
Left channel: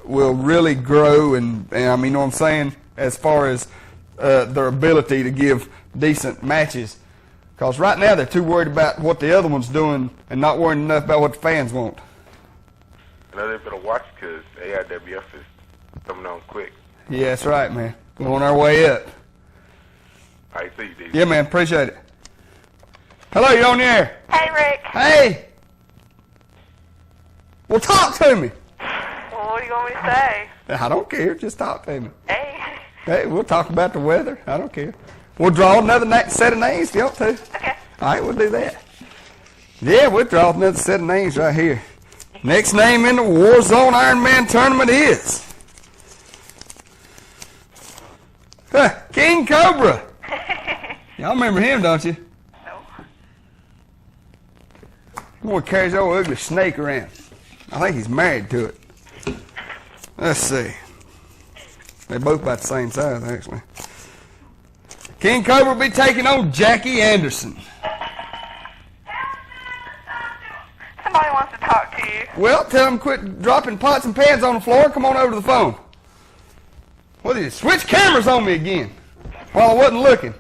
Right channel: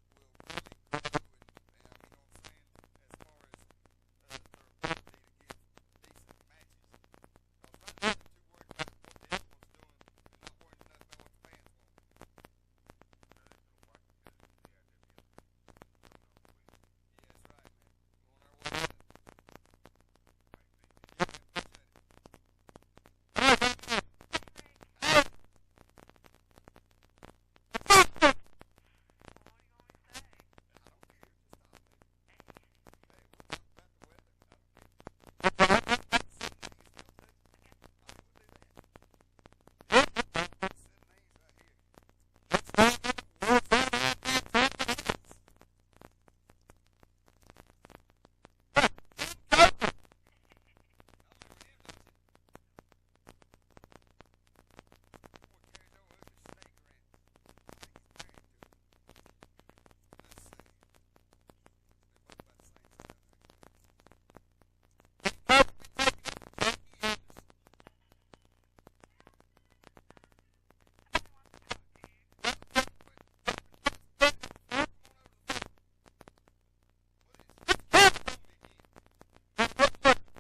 really grow and I mean, you know what I'm saying, as far as their ability to give decent matches. Because right now they're too worried about what the other one's doing and not worrying enough about what the fans want. I know they better watch because AIWF is coming on quick. Yeah, that's right, man. We're on our way up. All right, see you, Deezel. Yeah, man, appreciate it. Hello, you on the air? Hey, Rick. Hey! Well, talk to me. Well, what do you want me to say? I don't care. Just talk to me. Hey. Hey, we'll talk about the weather. I don't care. We'll draw another set of names if you want to. Okay. All right, we'll do that. Yeah, we'll draw another set of names right here. Next name in the Warzone Iron Man tournament is King Cobra. Y'all remember him, don't you? No. He want to carry his old ugly snake around. I think he's married to it. Let's see. They're both about the same size, actually. King Cobra will be taking on Jackie Anderson. Somebody wants to talk to you. Well, tell him quit dropping pots and pans on the floor. Come on over to the phone. What did you switch cameras on me again while I wasn't looking?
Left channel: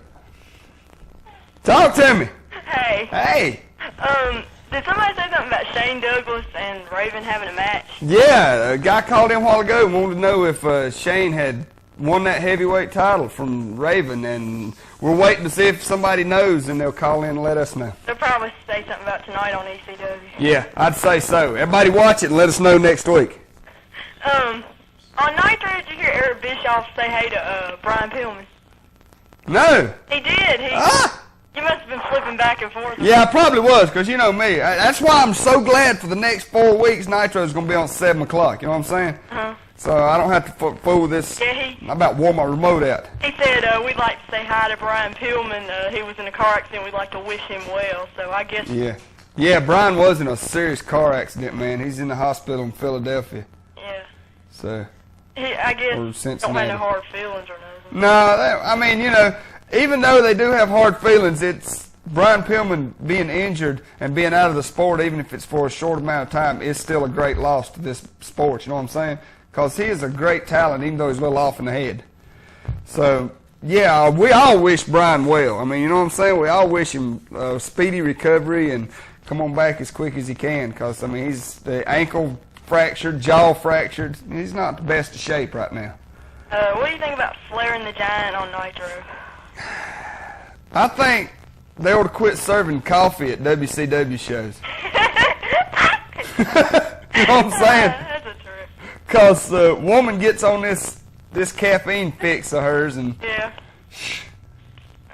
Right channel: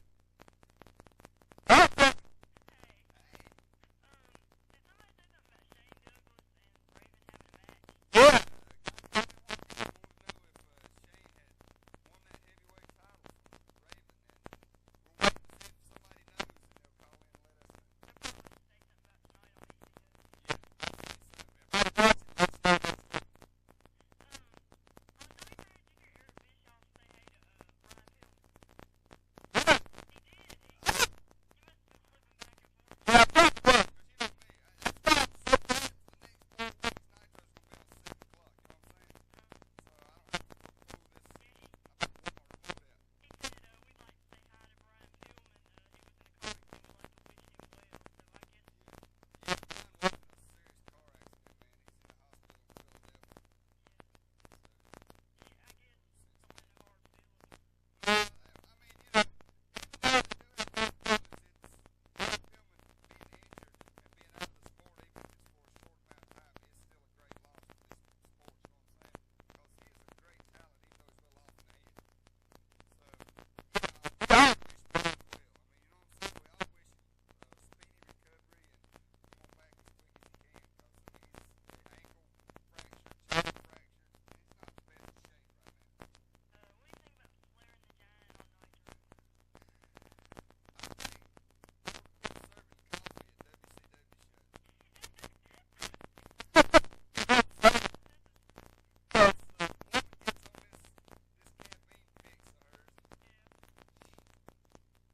Talk to me. Hey. Hey. Did somebody say something about Shane Douglas and Raven having a match? Yeah, a guy called in a while ago and wanted to know if Shane had won that heavyweight title from Raven, and we're waiting to see if somebody knows, and they'll call in and let us know. They'll probably say something about tonight on ECW. Yeah, I'd say so. Everybody watch it and let us know next week. On Nitro, did you hear Eric Bischoff say hey to Brian Pillman? No. He did. You must have been flipping back and forth. Yeah, I probably was, because you know me. That's why I'm so glad for the next 4 weeks Nitro's going to be on 7 o'clock. You know what I'm saying? Uh-huh. So I don't have to fool with this. Yeah, I'm about to wore my remote out. He said we'd like to say hi to Brian Pillman. He was in a car accident. We'd like to wish him well. So I guess... Yeah. Yeah, Brian was in a serious car accident, man. He's in the hospital in Philadelphia. Yeah. So... I guess Or don't Cincinnati. have no hard feelings or nothing. No, I mean, you know, even though they do have hard feelings, it's Brian Pillman being injured and being out of the sport, even if it's for a short amount of time, is still a great loss to this sport. You know what I'm saying? Because he is a great talent, even though he's a little off in the head. So, yeah, we all wish Brian well. I mean, you know what I'm saying? We all wish him a speedy recovery and come on back as quick as he can. Because, I mean, he's the ankle fractured, jaw fractured. He's not the best of shape right now. What do you think about Flair and the Giant on Nitro? I think they ought to quit serving coffee at WCW shows. You know what I'm saying? That's a trip. Because the woman gets on this caffeine fix of hers, and Yeah.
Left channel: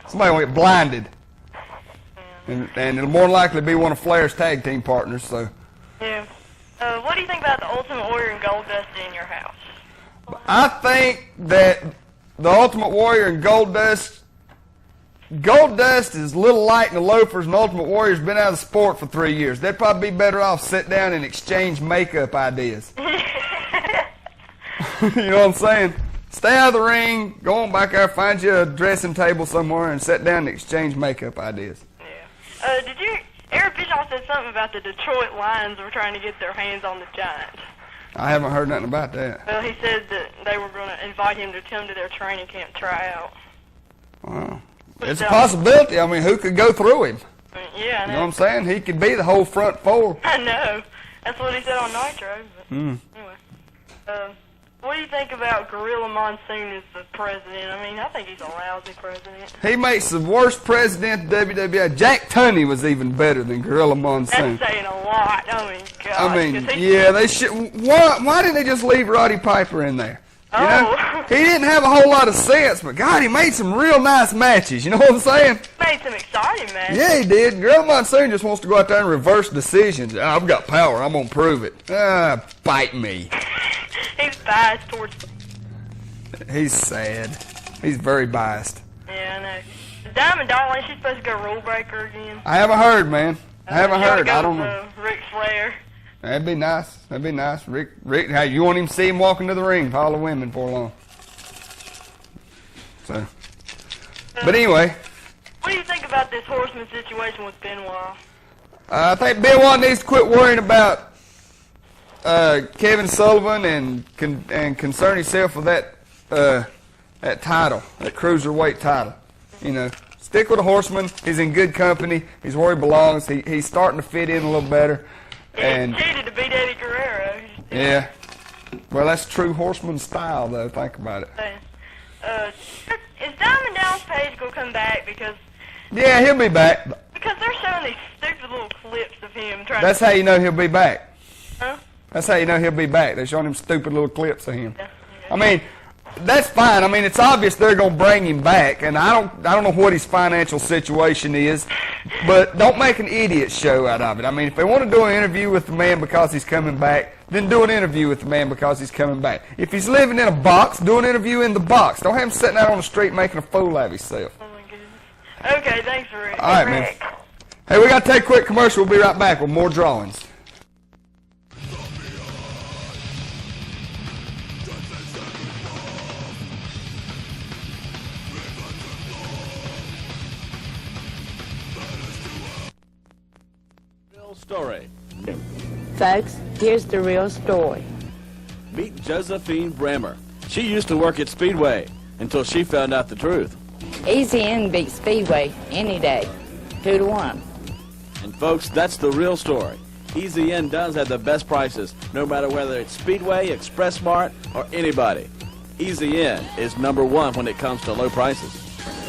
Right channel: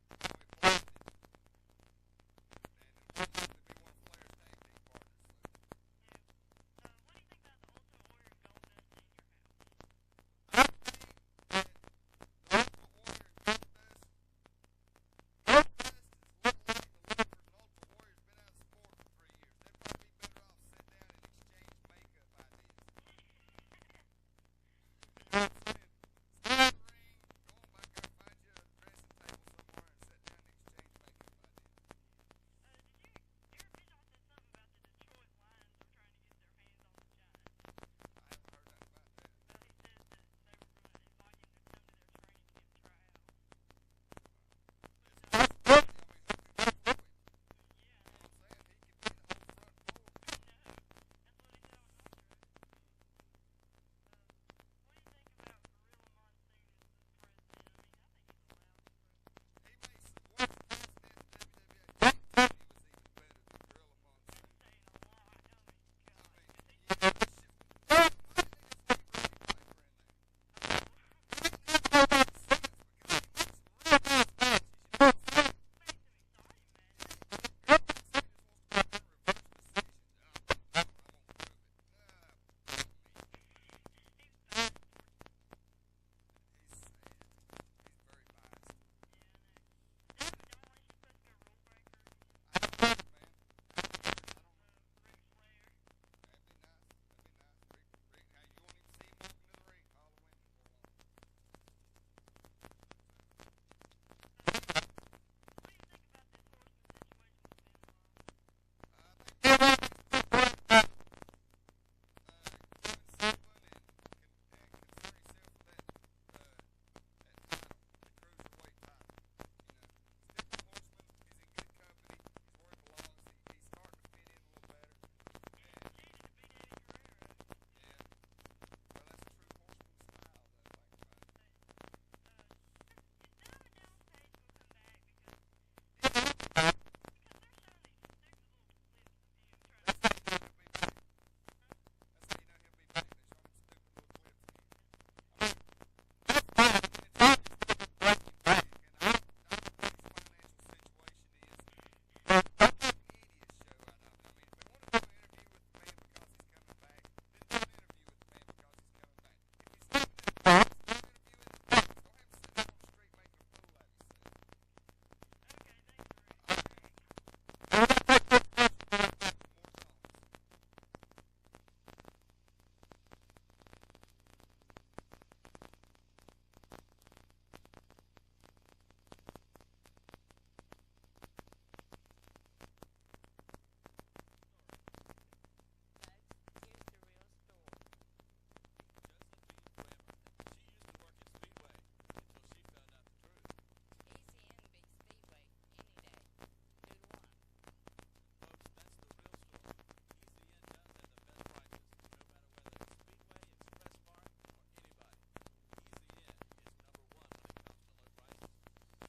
somebody will get blinded. And it'll more likely be one of Flair's tag team partners. So Yeah. What do you think about the Ultimate Warrior and Goldust in your house? I think that the Ultimate Warrior and Goldust is a little light in the loafers, and Ultimate Warrior's been out of the sport for 3 years. They'd probably be better off sit down and exchange makeup ideas. You know what I'm saying? Stay out of the ring, go on back there, find you a dressing table somewhere, and sit down and exchange makeup ideas. Yeah. Eric Bischoff said something about the Detroit Lions were trying to get their hands on the Giant. I haven't heard nothing about that. Well, he said that they were going to invite him to come to their training camp tryout. Wow. It's a possibility. I mean, who could go through him? Yeah, I know. You know what I'm saying? He could be the whole front four. I know. That's what he said on Nitro. But anyway. What do you think about Gorilla Monsoon as the president? I mean, I think he's a lousy president. He makes the worst president in WWE. Jack Tunney was even better than Gorilla Monsoon. That's saying a lot. I mean, God. I mean, yeah, they should. Why didn't they just leave Roddy Piper in there? You know? He didn't have a whole lot of sense, but God, he made some real nice matches. You know what I'm saying? Made some exciting matches. Yeah, he did. Gorilla Monsoon just wants to go out there and reverse decisions. I've got power. I'm gonna prove it. Bite me. He's biased towards. He's sad. He's very biased. Yeah, I know. Diamond Darling, she's supposed to go rule breaker again. I haven't heard, man. I haven't heard. I don't know. know. Ric Flair. That'd be nice. That'd be nice. Rick, how you won't even see him walking to the ring with all the women for long. So, but anyway. What do you think about this Horseman situation with Benoit? I think Benoit needs to quit worrying about Kevin Sullivan and concern himself with that title, that cruiserweight title. You know, stick with the Horseman. He's in good company. He's where he belongs. He's starting to fit in a little better. And he cheated to beat Eddie Guerrero. Yeah. Well, that's true Horseman style, though. Think about it. Is Diamond Dallas Page going to come back? Because yeah, he'll be back. Because they're showing these stupid little clips of him trying. That's how you know he'll be back. Huh? That's how you know he'll be back. They're showing him stupid little clips of him. I mean, that's fine. I mean, it's obvious they're going to bring him back, and I don't know what his financial situation is, but don't make an idiot show out of it. I mean, if they want to do an interview with the man because he's coming back, then do an interview with the man because he's coming back. If he's living in a box, do an interview in the box. Don't have him sitting out on the street making a fool out of himself. Oh my goodness. Okay, thanks, Rick. All right, man. Hey, we got to take a quick commercial. We'll be right back with more drawings. Story. Folks, here's the real story. Meet Josephine Bremer. She used to work at Speedway until she found out the truth. Easy In beats Speedway any day, 2-1. And folks, that's the real story. Easy In does have the best prices, no matter whether it's Speedway, Express Mart, or anybody. Easy In is #1 when it comes to low prices.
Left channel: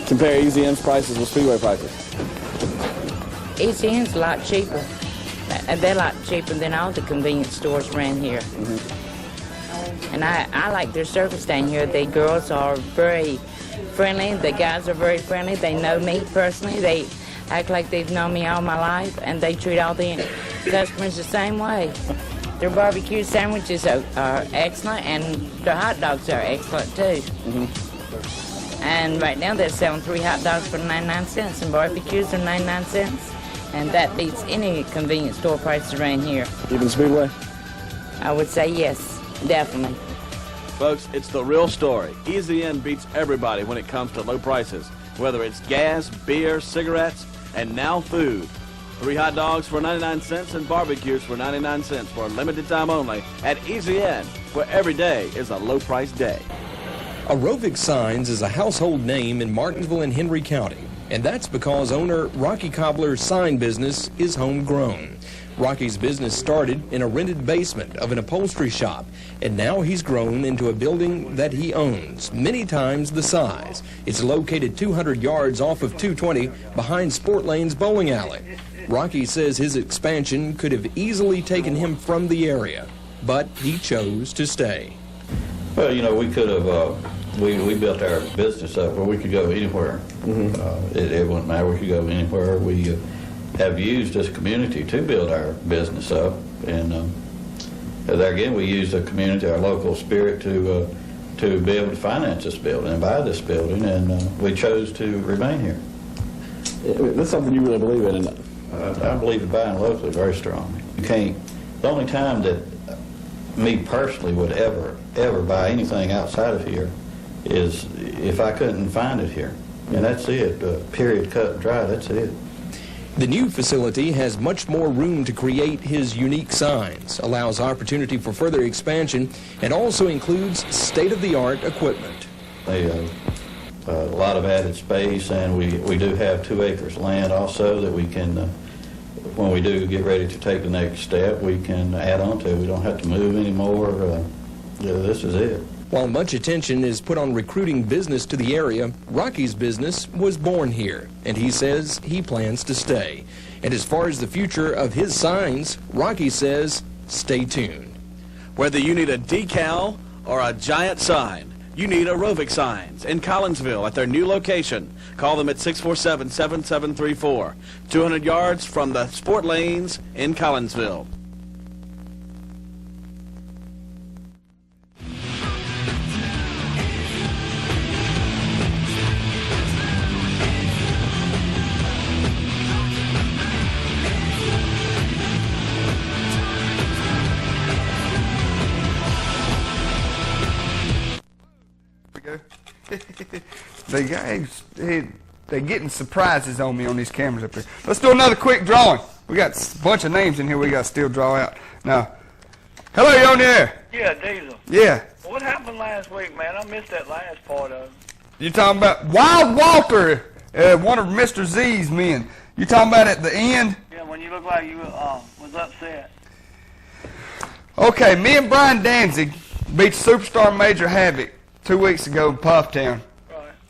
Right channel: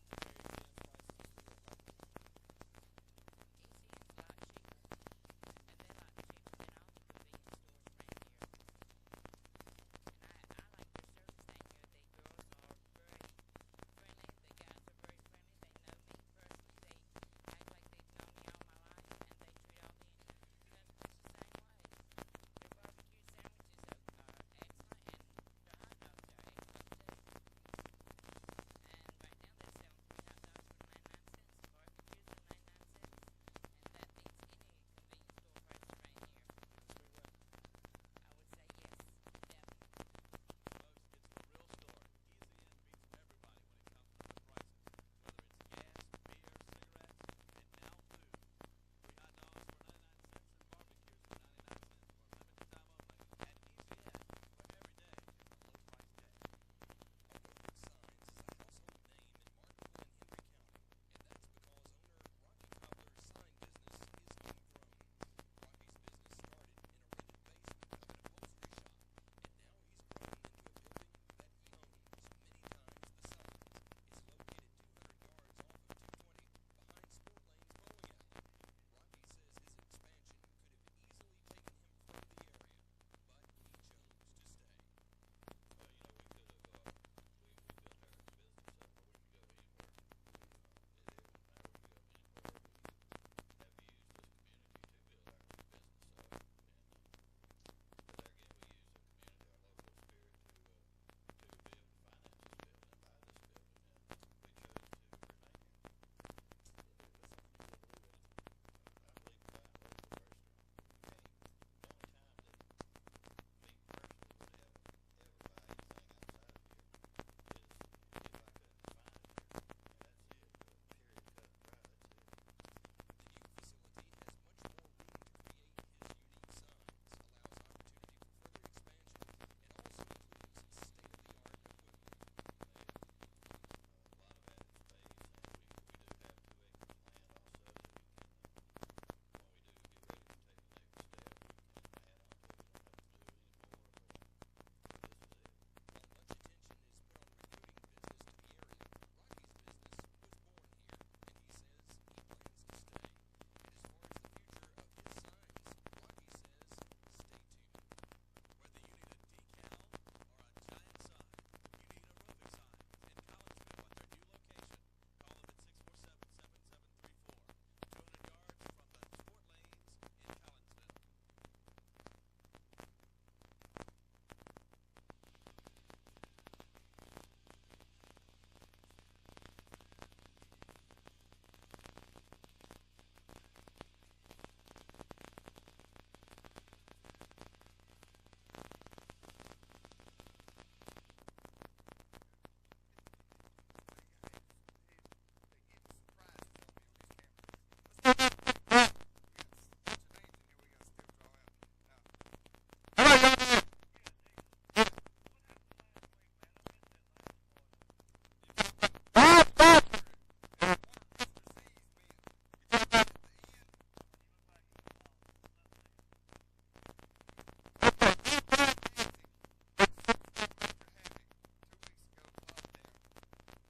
Compare Easy In's prices with Speedway prices. Easy In's a lot cheaper. They're a lot cheaper than all the convenience stores around here. And I like their service down here. The girls are very friendly. The guys are very friendly. They know me personally. They act like they've known me all my life, and they treat all the customers the same way. Their barbecue sandwiches are excellent, and their hot dogs are excellent, too. And right now they're selling 3 hot dogs for 99 cents, and barbecues are 99 cents. And that beats any convenience store prices around here. Even Speedway? I would say yes, definitely. Folks, it's the real story. Easy In beats everybody when it comes to low prices, whether it's gas, beer, cigarettes, and now food. 3 hot dogs for 99 cents and barbecues for 99 cents for a limited time only at Easy In, where every day is a low price day. Aerobic Signs is a household name in Martinsville and Henry County. And that's because owner Rocky Cobbler's sign business is homegrown. Rocky's business started in a rented basement of an upholstery shop, and now he's grown into a building that he owns, many times the size. It's located 200 yards off of 220 behind Sport Lane's bowling alley. Rocky says his expansion could have easily taken him from the area, but he chose to stay. Well, you know, we could have, we built our business up where we could go anywhere. It wouldn't matter, we could go anywhere. We have used this community to build our business up. And there again, we use the community, our local spirit to be able to finance this building and buy this building, and we chose to remain here. That's something you really believe in, isn't it? I believe in buying locally very strongly. You can't, the only time that me personally would ever buy anything outside of here is if I couldn't find it here. And that's it, period, cut and dry, that's it. The new facility has much more room to create his unique signs, allows opportunity for further expansion, and also includes state-of-the-art equipment. A lot of added space, and we do have 2 acres of land also that we can, when we do get ready to take the next step, we can add on to. We don't have to move anymore. Yeah, this is it. While much attention is put on recruiting business to the area, Rocky's business was born here, and he says he plans to stay. And as far as the future of his signs, Rocky says, stay tuned. Whether you need a decal or a giant sign, you need Aerobic Signs in Collinsville at their new location. Call them at 647-7734, 200 yards from the sport lanes in Collinsville. The guys, they're getting surprises on me on these cameras up here. Let's do another quick drawing. We got a bunch of names in here we got to still draw out. Now, hello, you on the air? Yeah, Deezel. Yeah. What happened last week, man? I missed that last part of it. You talking about Wild Walter, one of Mr. Z's men. You talking about at the end? Yeah, when you looked like you was upset. Okay, me and Brian Danzig beat Superstar Major Havoc 2 weeks ago in Pufftown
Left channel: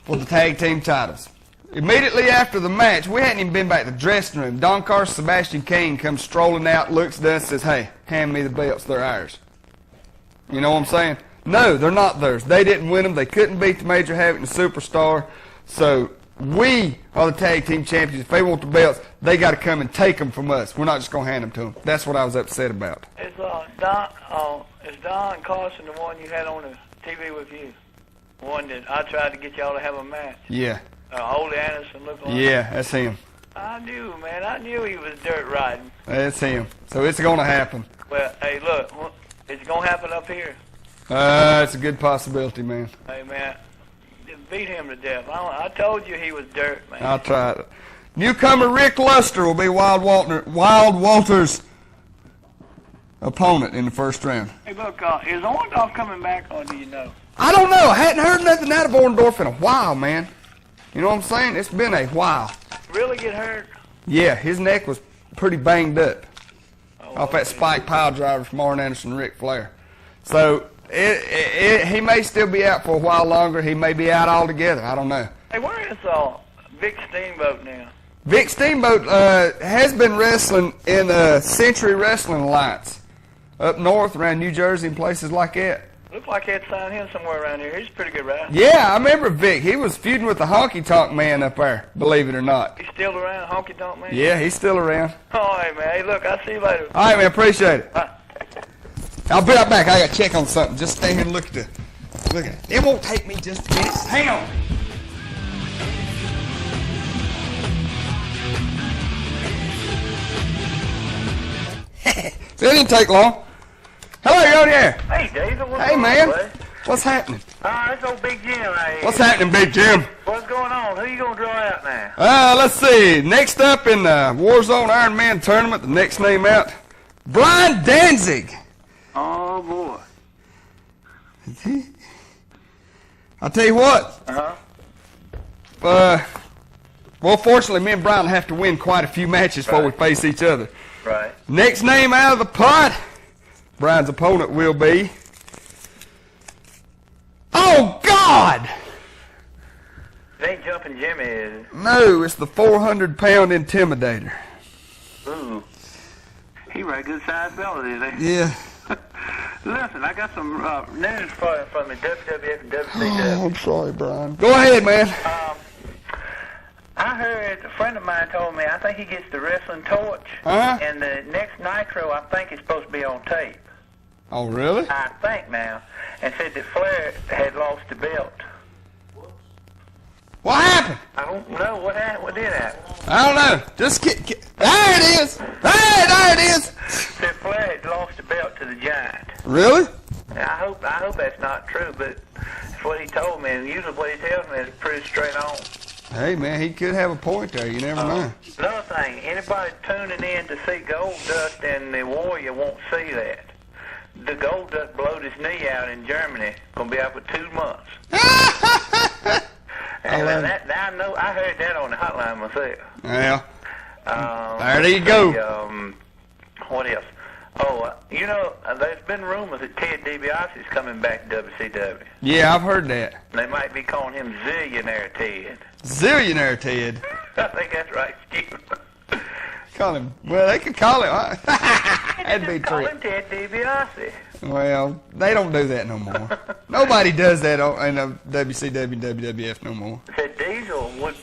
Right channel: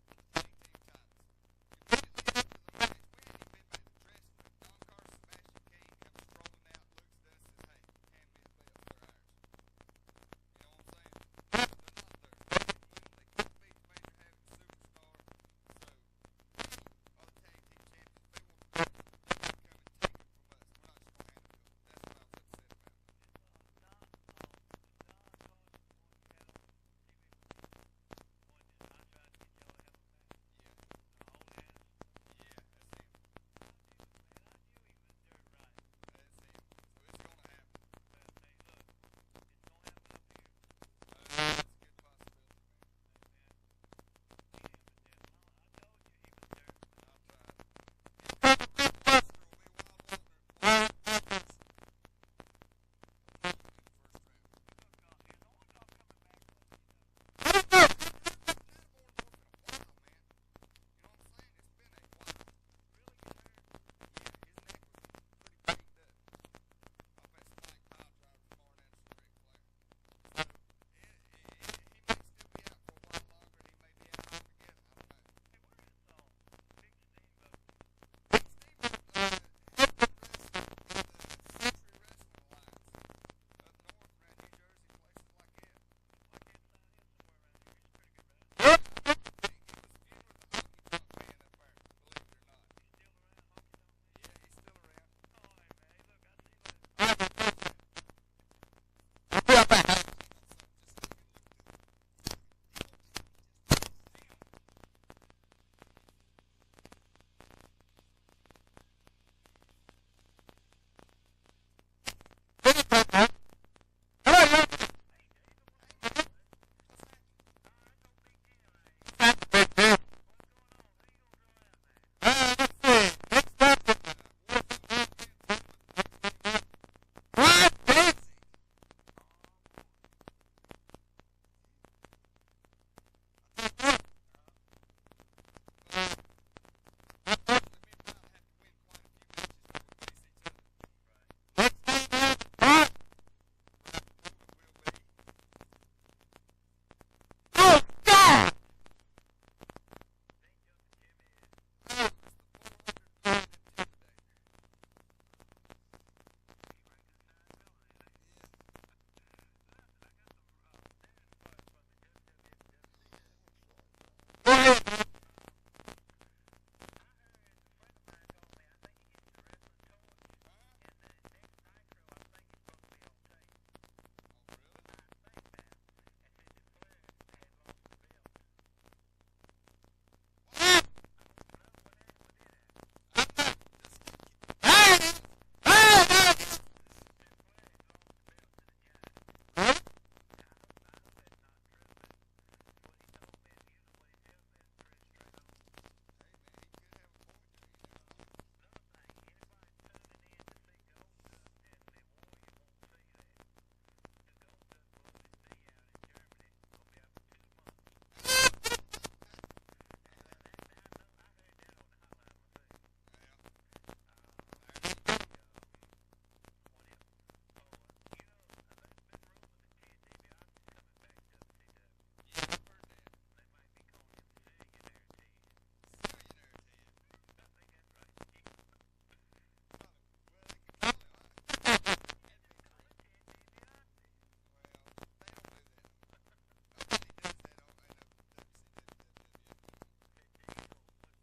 for the tag team titles. Immediately after the match, we hadn't even been back to the dressing room. Don Carson, Sebastian King comes strolling out, looks at us, says, "Hey, hand me the belts, they're ours." You know what I'm saying? No, they're not theirs. They didn't win them. They couldn't beat the Major Havoc and the Superstar. So we are the tag team champions. If they want the belts, they got to come and take them from us. We're not just going to hand them to them. That's what I was upset about. Is Don Carson the one you had on the TV with you? The one that I tried to get y'all to have a match? Yeah. Ole Anderson looked like? Yeah, that's him. I knew, man. I knew he was dirt riding. That's him. So it's going to happen. Well, hey, look. Is it going to happen up here? It's a good possibility, man. Hey, man. Just beat him to death. I told you he was dirt, man. I'll try it. Newcomer Rick Luster will be Wild Walter's opponent in the first round. Hey, look, is Orndorff coming back, or do you know? I don't know. I hadn't heard nothing out of Orndorff in a while, man. You know what I'm saying? It's been a while. Really get hurt? Yeah, his neck was pretty banged up off that spike pile driver from Arn Anderson and Ric Flair. So he may still be out for a while longer. He may be out altogether. I don't know. Hey, where is Vic Steamboat now? Vic Steamboat has been wrestling in Century Wrestling Alliance up north around New Jersey and places like that. Looks like they had signed him somewhere around here. He's a pretty good wrestler. Yeah, I remember Vic. He was feuding with the Honky Tonk Man up there, believe it or not. He's still around, Honky Tonk Man? Yeah, he's still around. All right, man. Hey, look, I'll see you later. All right, man. Appreciate it. I'll be right back. I got to check on something. Just stay here and look at it. It won't take me just a minute. Hang on. It didn't take long. Hello, you on the air? Hey, Deezel. Hey, man. What's happening? It's old Big Jim right here. What's happening, Big Jim? What's going on? Who you going to draw out now? Let's see. Next up in the Warzone Iron Man tournament, the next name out, Brian Danzig. Oh, boy. I'll tell you what. Well, fortunately, me and Brian have to win quite a few matches before we face each other. Right. Next name out of the pot, Brian's opponent will be... Oh, God! It ain't Jumping Jimmy, is it? No, it's the 400-pound Intimidator. Ooh. He right good sized fella, is he? Yeah. Listen, I got some news for you from the WWF and WCW. Oh, I'm sorry, Brian. Go ahead, man. I heard a friend of mine told me I think he gets the wrestling torch, and the next Nitro I think is supposed to be on tape. Oh, really? I think now, and said that Flair had lost the belt. What happened? I don't know what happened. What did happen? I don't know. Just there it is. There it is. Said Flair had lost the belt to the Giant. Really? I hope that's not true, but that's what he told me. And usually what he tells me is pretty straight on. Hey, man, he could have a point there. You never know. Another thing, anybody tuning in to see Goldust and the Warrior won't see that. The Goldust blowed his knee out in Germany. Gonna be out for 2 months. And I know. I heard that on the hotline myself. Yeah. There you go. What else? Oh, you know, there's been rumors that Ted DiBiase's coming back to WCW. Yeah, I've heard that. They might be calling him Zillionaire Ted. Zillionaire Ted. I think that's right, Steve. Call him. Well, they could call him. That'd be Call true. him Ted DiBiase. Well, they don't do that no more. Nobody does that in WCW and WWF no more. Said Deezel would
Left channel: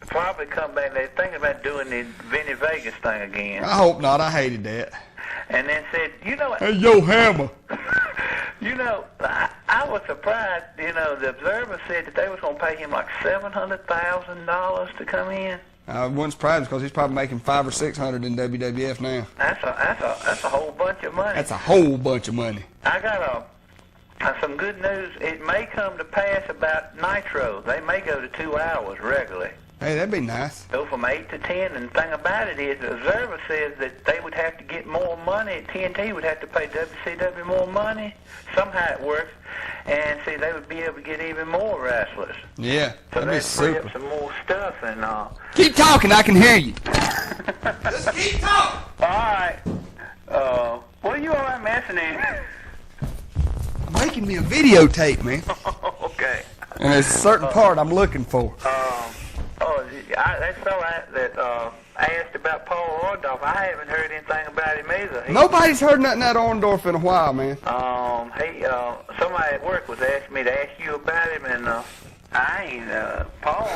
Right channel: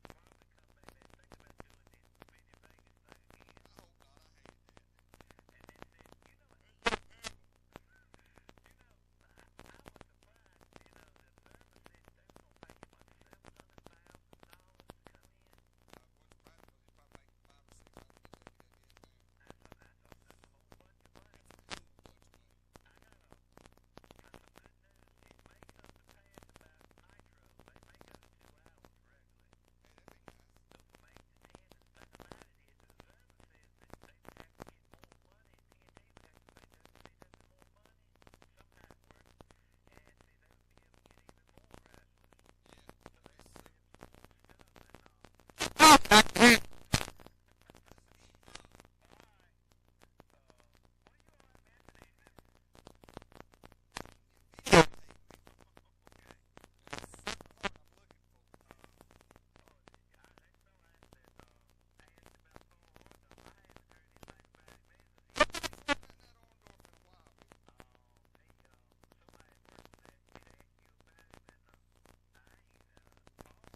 probably come back. They're thinking about doing the Vinny Vegas thing again. I hope not. I hated that. And then said, you know, Hey, yo, Hammer. you know, I was surprised. You know, the Observer said that they was going to pay him like $700,000 to come in. I wasn't surprised because he's probably making $500 or $600 in WWF now. That's a whole bunch of money. That's a whole bunch of money. I got some good news. It may come to pass about Nitro. They may go to 2 hours regularly. Hey, that'd be nice. Go from 8 to 10, and the thing about it is the Observer says that they would have to get more money. TNT would have to pay WCW more money. Somehow it works. And see, they would be able to get even more wrestlers. Yeah, So that'd be they'd free super. up some more stuff and Keep talking, I can hear you. Just keep talking. All right. What are you all messing in? Making me a videotape, man. Okay. And there's a certain part I'm looking for. That fella that asked about Paul Orndorff, I haven't heard anything about him either. Nobody's heard nothing out of Orndorff in a while, man. Somebody at work was asking me to ask you about him, and I ain't, Paul.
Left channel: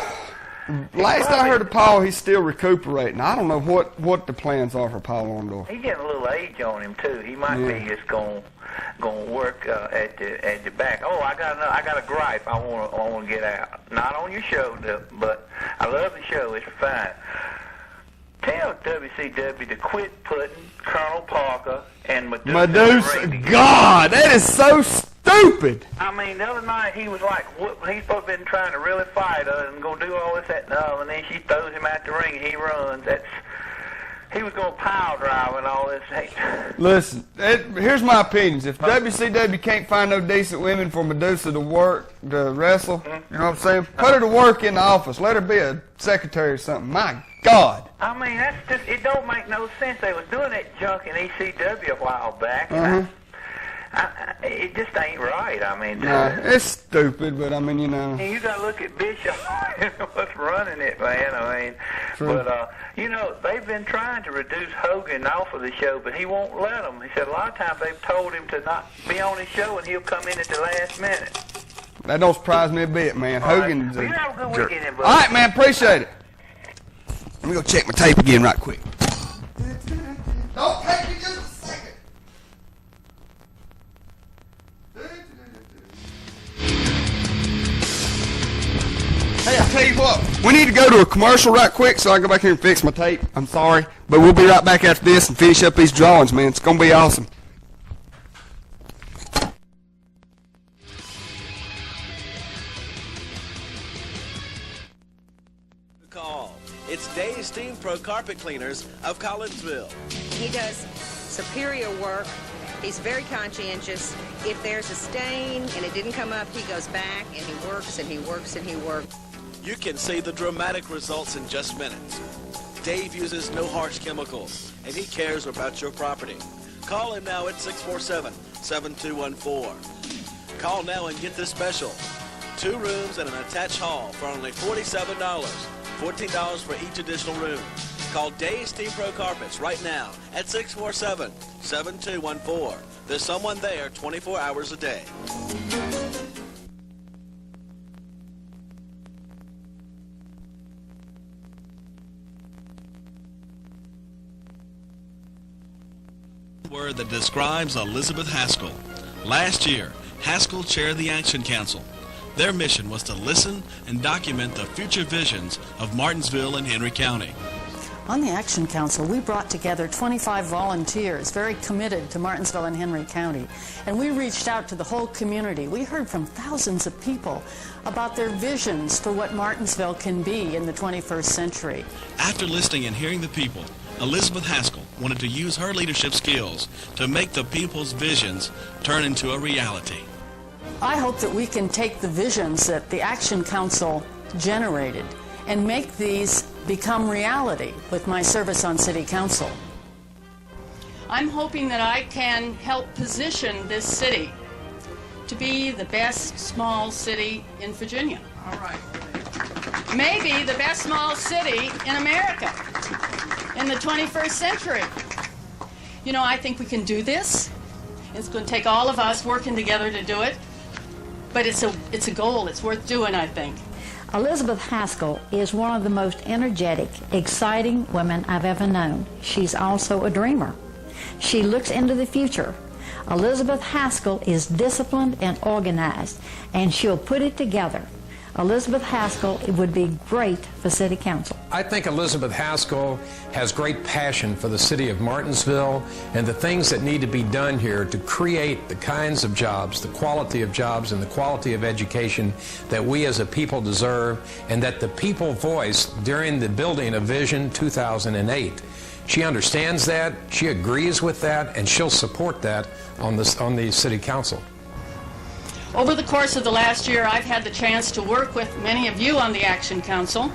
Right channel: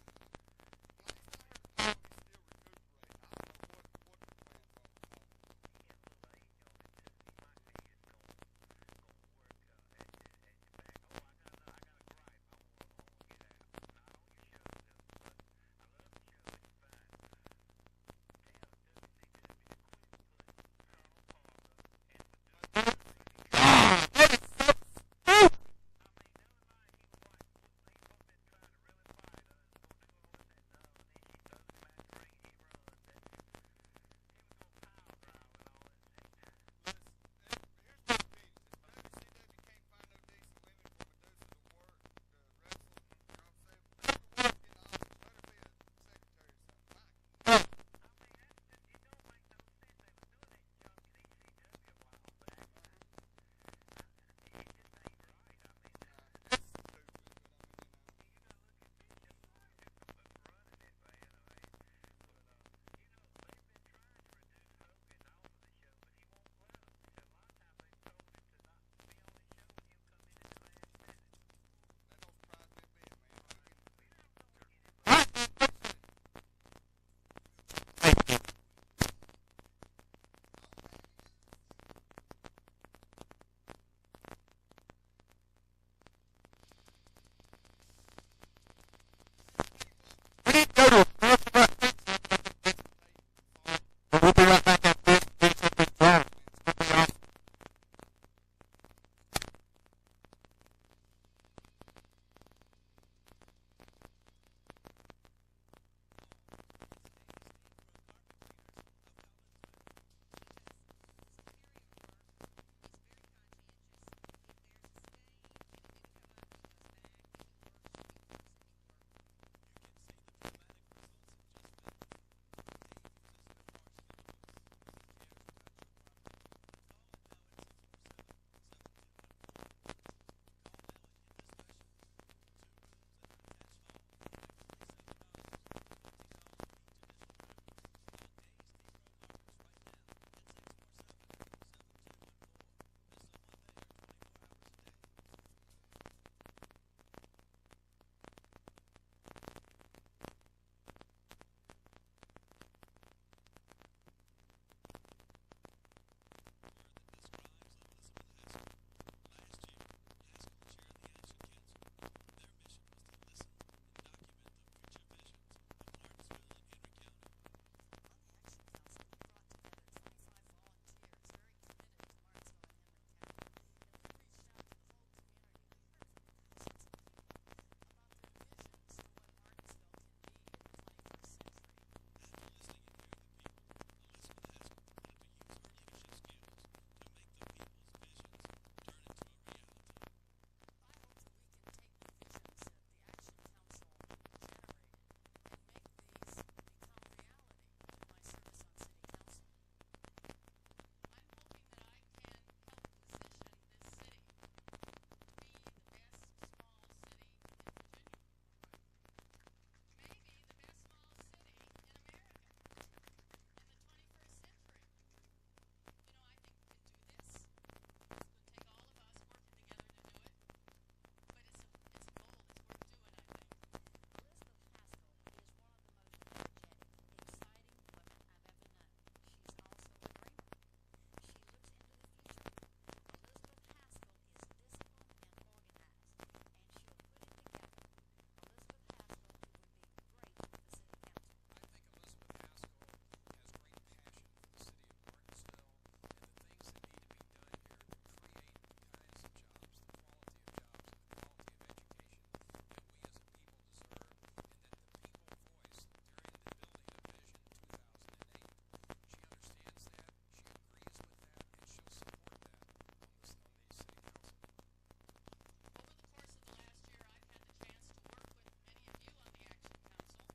Last I heard of Paul, he's still recuperating. I don't know what the plans are for Paul Orndorff. He's getting a little age on him too. He might be just going work at the back. Oh, I got a gripe I want to get out. Not on your show, but I love the show. It's fine. Tell WCW to quit putting Colonel Parker and Medusa. God, that is so stupid. I mean, the other night he was like, he's supposed to been trying to really fight her and gonna do all this, that, and the other, and then she throws him out the ring and he runs. He was going to pile drive and all this. Hey. Listen, here's my opinions. If WCW can't find no decent women for Medusa to wrestle, you know what I'm saying? Put her to work in the office. Let her be a secretary or something. My God. I mean, that's just, it don't make no sense. They was doing that junk in ECW a while back. It just ain't right. I mean, no, it's stupid, but I mean, you know. You got to look at Bishop and what's running it, man. I mean, True. But you know, they've been trying to reduce Hogan off of the show, but he won't let them. He said a lot of times they've told him to not be on his show, and he'll come in at the last minute. That don't surprise me a bit, man. Hogan's well, you have a good jerk. weekend, buddy. All right, man, appreciate it. Let me go check my tape again right quick. Don't take me just a second. Hey, I'll tell you what, we need to go to a commercial right quick so I can go back here and fix my tape. I'm sorry, but we'll be right back after this and finish up these drawings, man. It's going to be awesome. Call. It's Dave's Steam Pro Carpet Cleaners of Collinsville. He does superior work. He's very conscientious. If there's a stain and it didn't come up, he goes back and he works and he works and he works. You can see the dramatic results in just minutes. Dave uses no harsh chemicals, and he cares about your property. Call him now at 647-7214. Call now and get this special. 2 rooms and an attached hall for only $47. $14 for each additional room. Call Dave's Steam Pro Carpets right now at 647-7214. There's someone there 24 hours a day. Word that describes Elizabeth Haskell. Last year, Haskell chaired the Action Council. Their mission was to listen and document the future visions of Martinsville and Henry County. On the Action Council, we brought together 25 volunteers very committed to Martinsville and Henry County. And we reached out to the whole community. We heard from thousands of people about their visions for what Martinsville can be in the 21st century. After listening and hearing the people, Elizabeth Haskell wanted to use her leadership skills to make the people's visions turn into a reality. I hope that we can take the visions that the Action Council generated and make these become reality with my service on City Council. I'm hoping that I can help position this city to be the best small city in Virginia. All right. Maybe the best small city in America in the 21st century. You know, I think we can do this. It's going to take all of us working together to do it. But it's a goal. It's worth doing, I think. Elizabeth Haskell is one of the most energetic, exciting women I've ever known. She's also a dreamer. She looks into the future. Elizabeth Haskell is disciplined and organized, and she'll put it together. Elizabeth Haskell would be great for City Council. I think Elizabeth Haskell has great passion for the city of Martinsville and the things that need to be done here to create the kinds of jobs, the quality of jobs, and the quality of education that we as a people deserve and that the people voiced during the building of Vision 2008. She understands that, she agrees with that, and she'll support that on the City Council. Over the course of the last year, I've had the chance to work with many of you on the Action Council.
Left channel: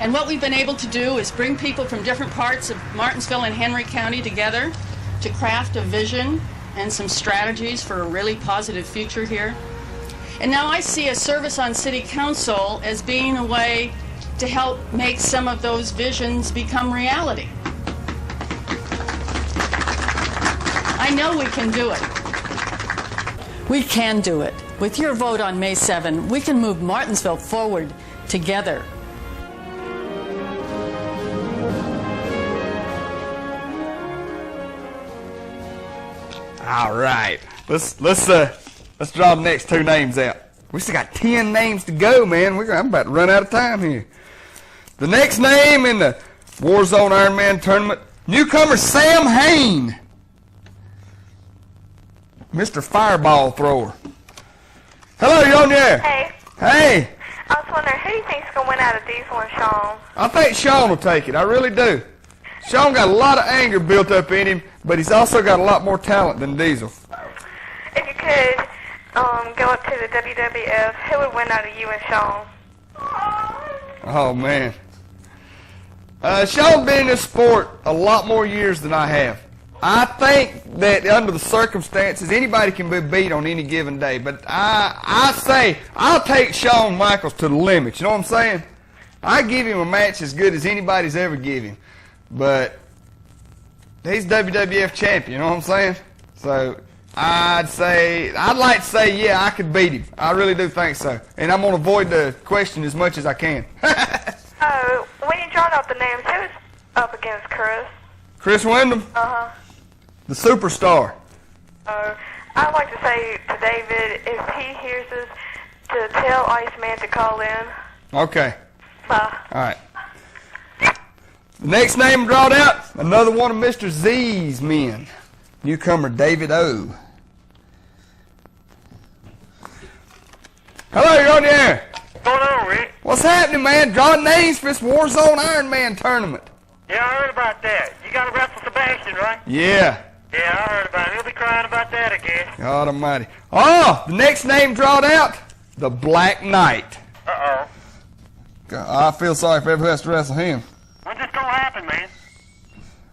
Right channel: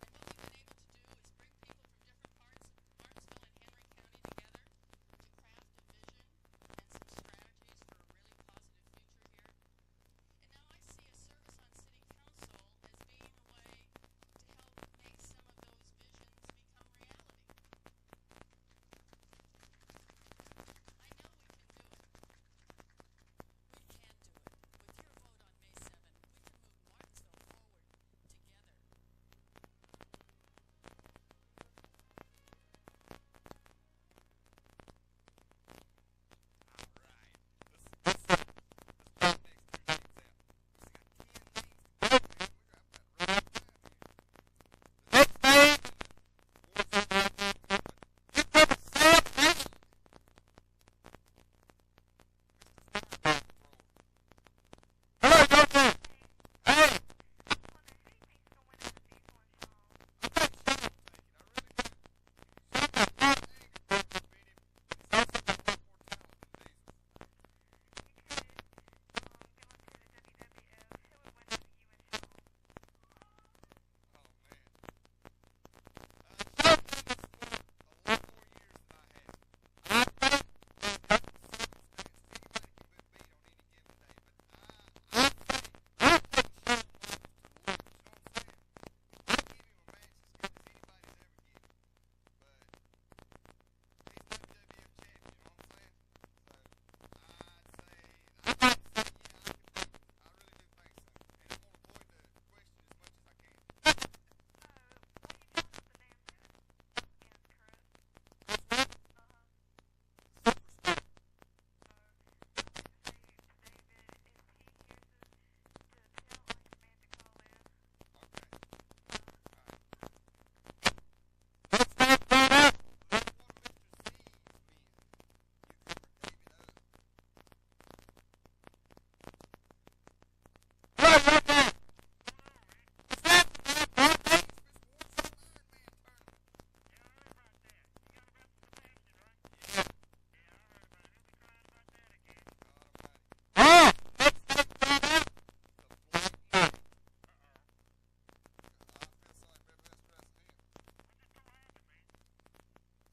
And what we've been able to do is bring people from different parts of Martinsville and Henry County together to craft a vision and some strategies for a really positive future here. And now I see a service on City Council as being a way to help make some of those visions become reality. I know we can do it. We can do it. With your vote on May 7, we can move Martinsville forward together. All right. Let's draw the next 2 names out. We still got 10 names to go, man. I'm about to run out of time here. The next name in the Warzone Ironman tournament, newcomer Sam Hain. Mr. Fireball Thrower. Hello, you on there? Hey. Hey. I was wondering, who do you think's going to win out of Deezel and Sean? I think Sean will take it. I really do. Sean got a lot of anger built up in him, but he's also got a lot more talent than Deezel. If you could go up to the WWF, who would win out of you and Sean? Oh, man. Sean's been in this sport a lot more years than I have. I think that under the circumstances, anybody can be beat on any given day. But I say I'll take Shawn Michaels to the limit. You know what I'm saying? I give him a match as good as anybody's ever given him. But he's WWF champion. You know what I'm saying? So I'd like to say, yeah, I could beat him. I really do think so. And I'm going to avoid the question as much as I can. Oh, when you drawed out the names, who's up against Chris? Chris Wyndham? Uh-huh. The superstar. I'd like to say to David, if he hears us, to tell Iceman to call in. Okay. Bye. All right. The next name drawed out, another one of Mr. Z's men. Newcomer David O. Hello, you're on the air. What's going on, Rick? What's happening, man? Drawing names for this Warzone Ironman tournament. Yeah, I heard about that. You got to wrestle Sebastian, right? Yeah. Yeah, I heard about it. He'll be crying about that, I guess. God almighty. Oh, the next name drawed out, the Black Knight. Uh-oh. God, I feel sorry for everyone who has to wrestle him. When's this going to happen, man?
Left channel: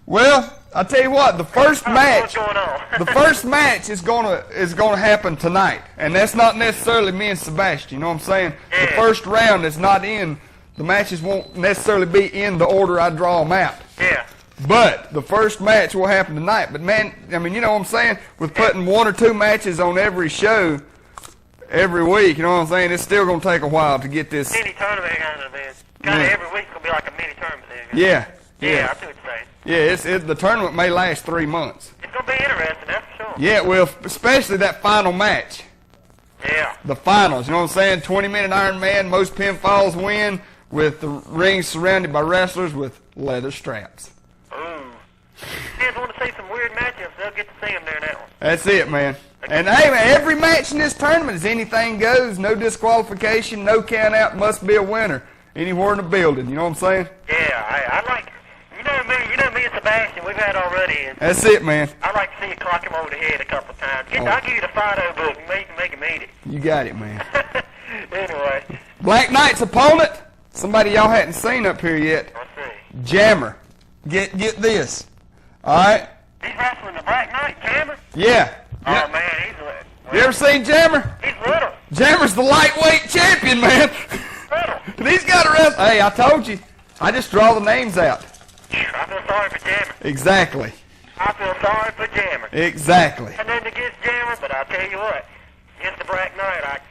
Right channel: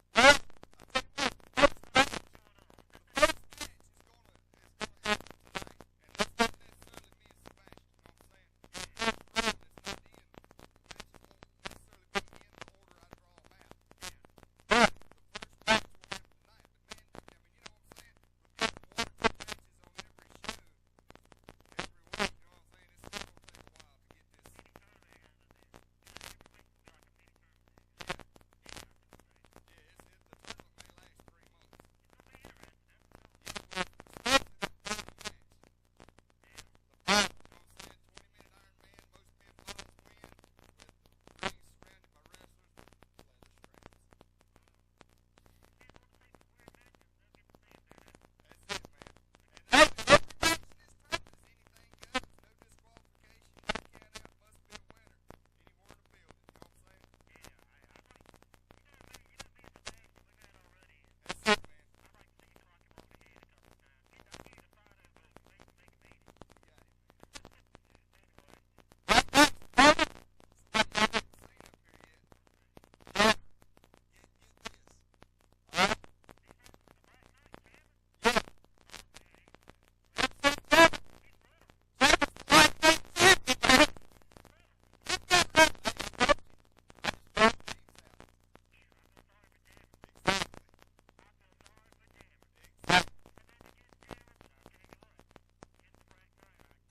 Well, I tell you what, the first match, What's going on? the first match is gonna happen tonight, and that's not necessarily me and Sebastian. You know what I'm saying? Yeah. The first round is not in. The matches won't necessarily be in the order I draw them out. Yeah. But the first match will happen tonight. But man, I mean, you know what I'm saying? With putting 1 or 2 matches on every show every week, you know what I'm saying? It's still gonna take a while to get this. Mini tournament kind of thing. Kind of every week's going to be like a mini tournament thing. Yeah. Yeah, Yeah. I see what you're saying. Yeah, the tournament may last 3 months. It's going to be interesting, that's for sure. Yeah, well, especially that final match. Yeah. The finals, you know what I'm saying? 20-minute Iron Man, most pinfalls win, with the ring surrounded by wrestlers with leather straps. Ooh. Fans want to see some weird matchups, they'll get to see them during that one. That's it, man. And hey, man, every match in this tournament is anything goes, no disqualification, no count out, must be a winner anywhere in the building. You know what I'm saying? Yeah, I like, you know me and Sebastian, we've had already. And That's it, man. I like to see you clock him over the head a couple of times. I'll give you the Fido book and you can make him eat it. You got it, man. Anyway. Black Knight's opponent, somebody y'all hadn't seen up here yet. Let's see. Jammer. Get this. All right. He's wrestling the Black Knight, Jammer? Yeah. Oh, Yeah. man, he's little. You ever seen Jammer? He's little. Jammer's the lightweight champion, man. And he's got a wrestle. Hey, I told you. I just draw the names out. I feel sorry for Jammer. Exactly. I feel sorry for Jammer. Exactly. And then against Jammer, but I'll tell you what, against the Black Knight,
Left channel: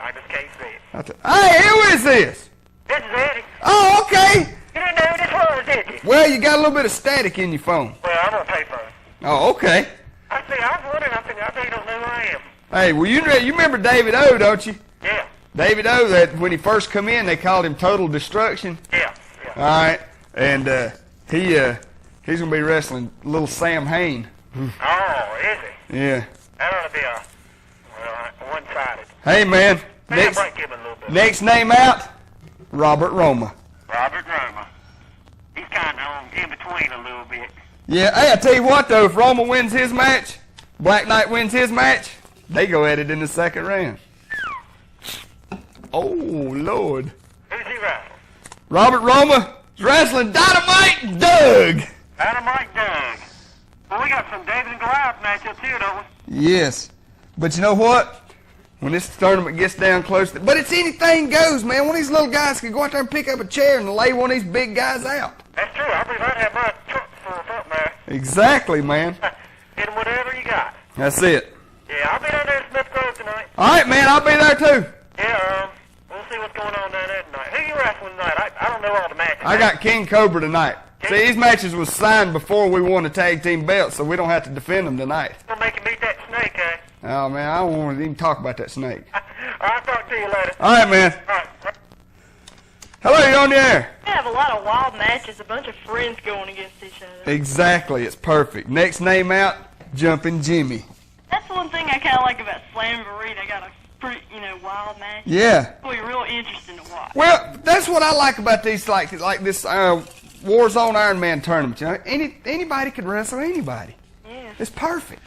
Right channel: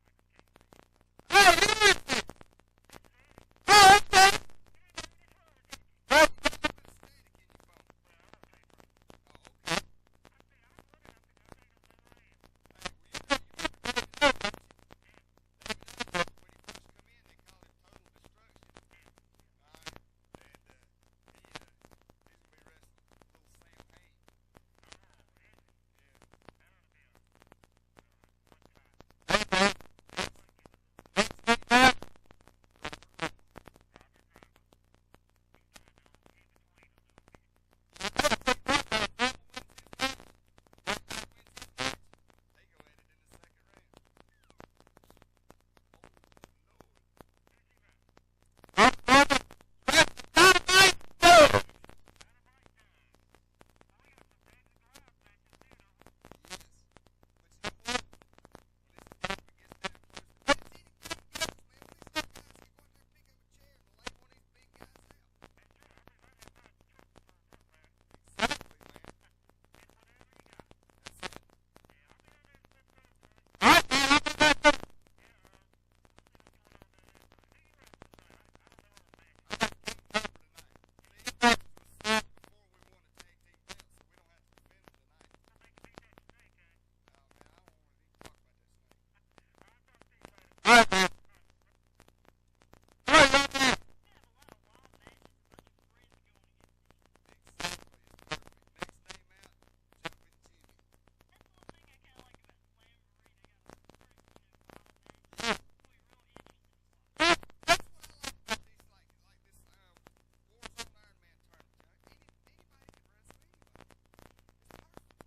I just can't see it. Hey, who is this? This is Eddie. Oh, okay. You didn't know who this was, did you? Well, you got a little bit of static in your phone. Well, I'm gonna pay for it. Oh, okay. I see. I was wondering. I bet you don't know who I am. Hey, well, you remember David O, don't you? Yeah. David O, that when he first come in, they called him Total Destruction. Yeah. All right. And he's going to be wrestling little Sam Hain. Oh, is he? Yeah. That ought to be one-sided. Hey, man. Maybe I might give him a little bit. Next name out, Robert Roma. Robert Roma. He's kind of in between a little bit. Yeah, hey, I tell you what, though, if Roma wins his match, Black Knight wins his match, they go at it in the second round. Oh, Lord. Who's he wrestling? Robert Roma is wrestling Dynamite Doug. Dynamite Doug. Well, we got some David and Goliath matchups here, don't we? Yes. But you know what? When this tournament gets down close to... But it's anything goes, man. One of these little guys can go out there and pick up a chair and lay one of these big guys out. That's true. I believe I'd have my truck for a front there. Exactly, man. Hit 'em whatever you got. That's it. Yeah, I'll be down there in Smith Grove tonight. All right, man. I'll be there, too. Yeah, we'll see what's going on down there tonight. Who you wrestling tonight? I don't know all the matches. I got King Cobra tonight. See, these matches was signed before we won the tag team belts, so we don't have to defend them tonight. We'll make him beat that snake, eh? Oh, man, I don't want to even talk about that snake. I'll talk to you later. All right, man. All right. Hello, you're on the air. We have a lot of wild matches, a bunch of friends going against each other. Exactly. It's perfect. Next name out, Jumpin' Jimmy. That's one thing I kind of like about Slamboree. They got a pretty, wild match. Yeah. It'll be real interesting to watch. Well, that's what I like about these, like this Warzone Iron Man tournament. You know, anybody can wrestle anybody. Yeah. It's perfect.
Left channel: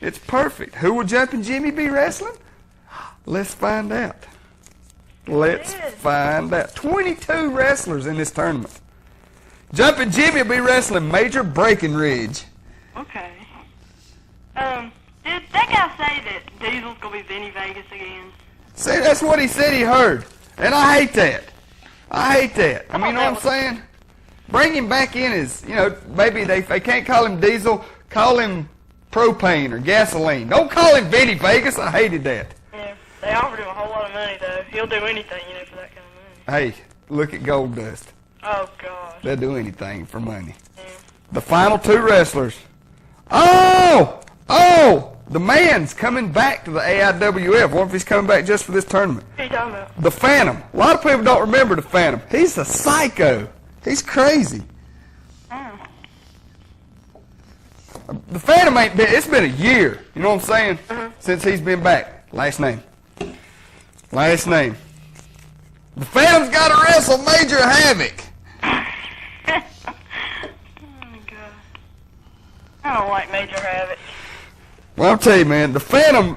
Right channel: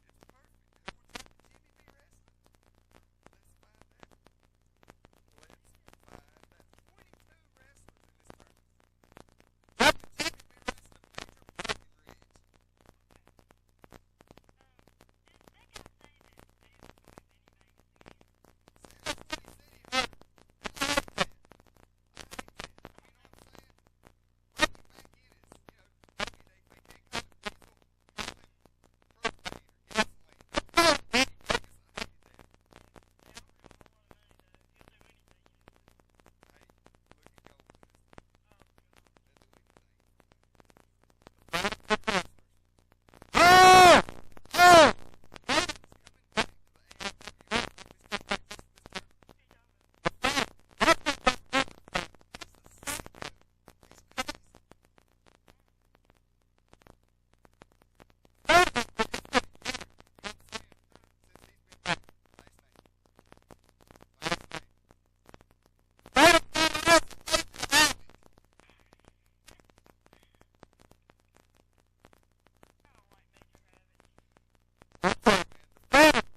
It's perfect. Who will Jumpin' Jimmy be wrestling? Let's find out. Let's find out. 22 wrestlers in this tournament. Jumpin' Jimmy will be wrestling Major Breckenridge. Okay. Did that guy say that Deezel's going to be Vinny Vegas again? See, that's what he said he heard. And I hate that. I hate that. I mean, you know what I'm saying? Bring him back in as, maybe they can't call him Deezel, call him propane or gasoline. Don't call him Vinny Vegas. I hated that. Yeah. They offered him a whole lot of money, though. He'll do anything, for that kind of money. Hey, look at Gold Dust. Oh, God. They'll do anything for money. Yeah. The final two wrestlers. Oh! The man's coming back to the AIWF. What if he's coming back just for this tournament? What are you talking about? The Phantom. A lot of people don't remember the Phantom. He's a psycho. He's crazy. The Phantom ain't been, it's been a year, you know what I'm saying, since he's been back. Last name. The Phantom's got to wrestle Major Havoc. Oh, God. I don't like Major Havoc. Well, I'll tell you, man, the Phantom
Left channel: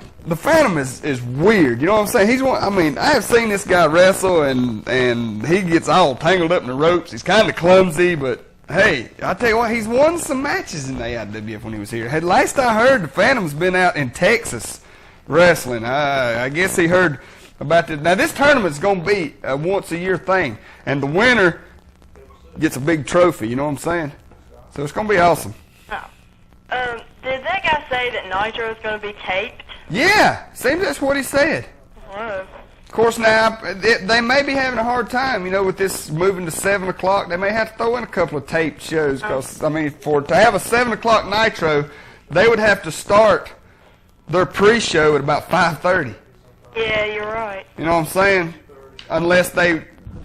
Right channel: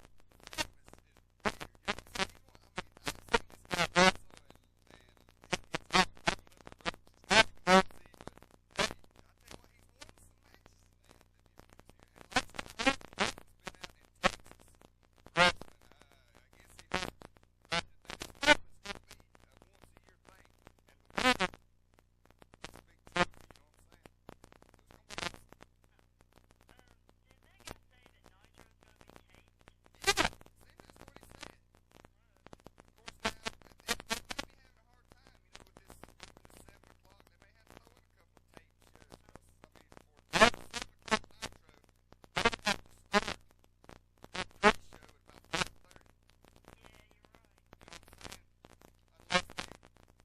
is weird. You know what I'm saying? He's one. I mean, I have seen this guy wrestle, and he gets all tangled up in the ropes. He's kind of clumsy, but hey, I tell you what, he's won some matches in the AIWF when he was here. Hey, last I heard, the Phantom's been out in Texas wrestling. I guess he heard about this. Now, this tournament's going to be a once-a-year thing, and the winner gets a big trophy. You know what I'm saying? So it's going to be awesome. Did that guy say that Nitro is going to be taped? Yeah, seems that's what he said. Whoa. Of course, now, they may be having a hard time, with this moving to 7 o'clock. They may have to throw in a couple of taped shows because, to have a 7 o'clock Nitro, they would have to start their pre-show at about 5:30. Yeah, you're right. You know what I'm saying? Unless they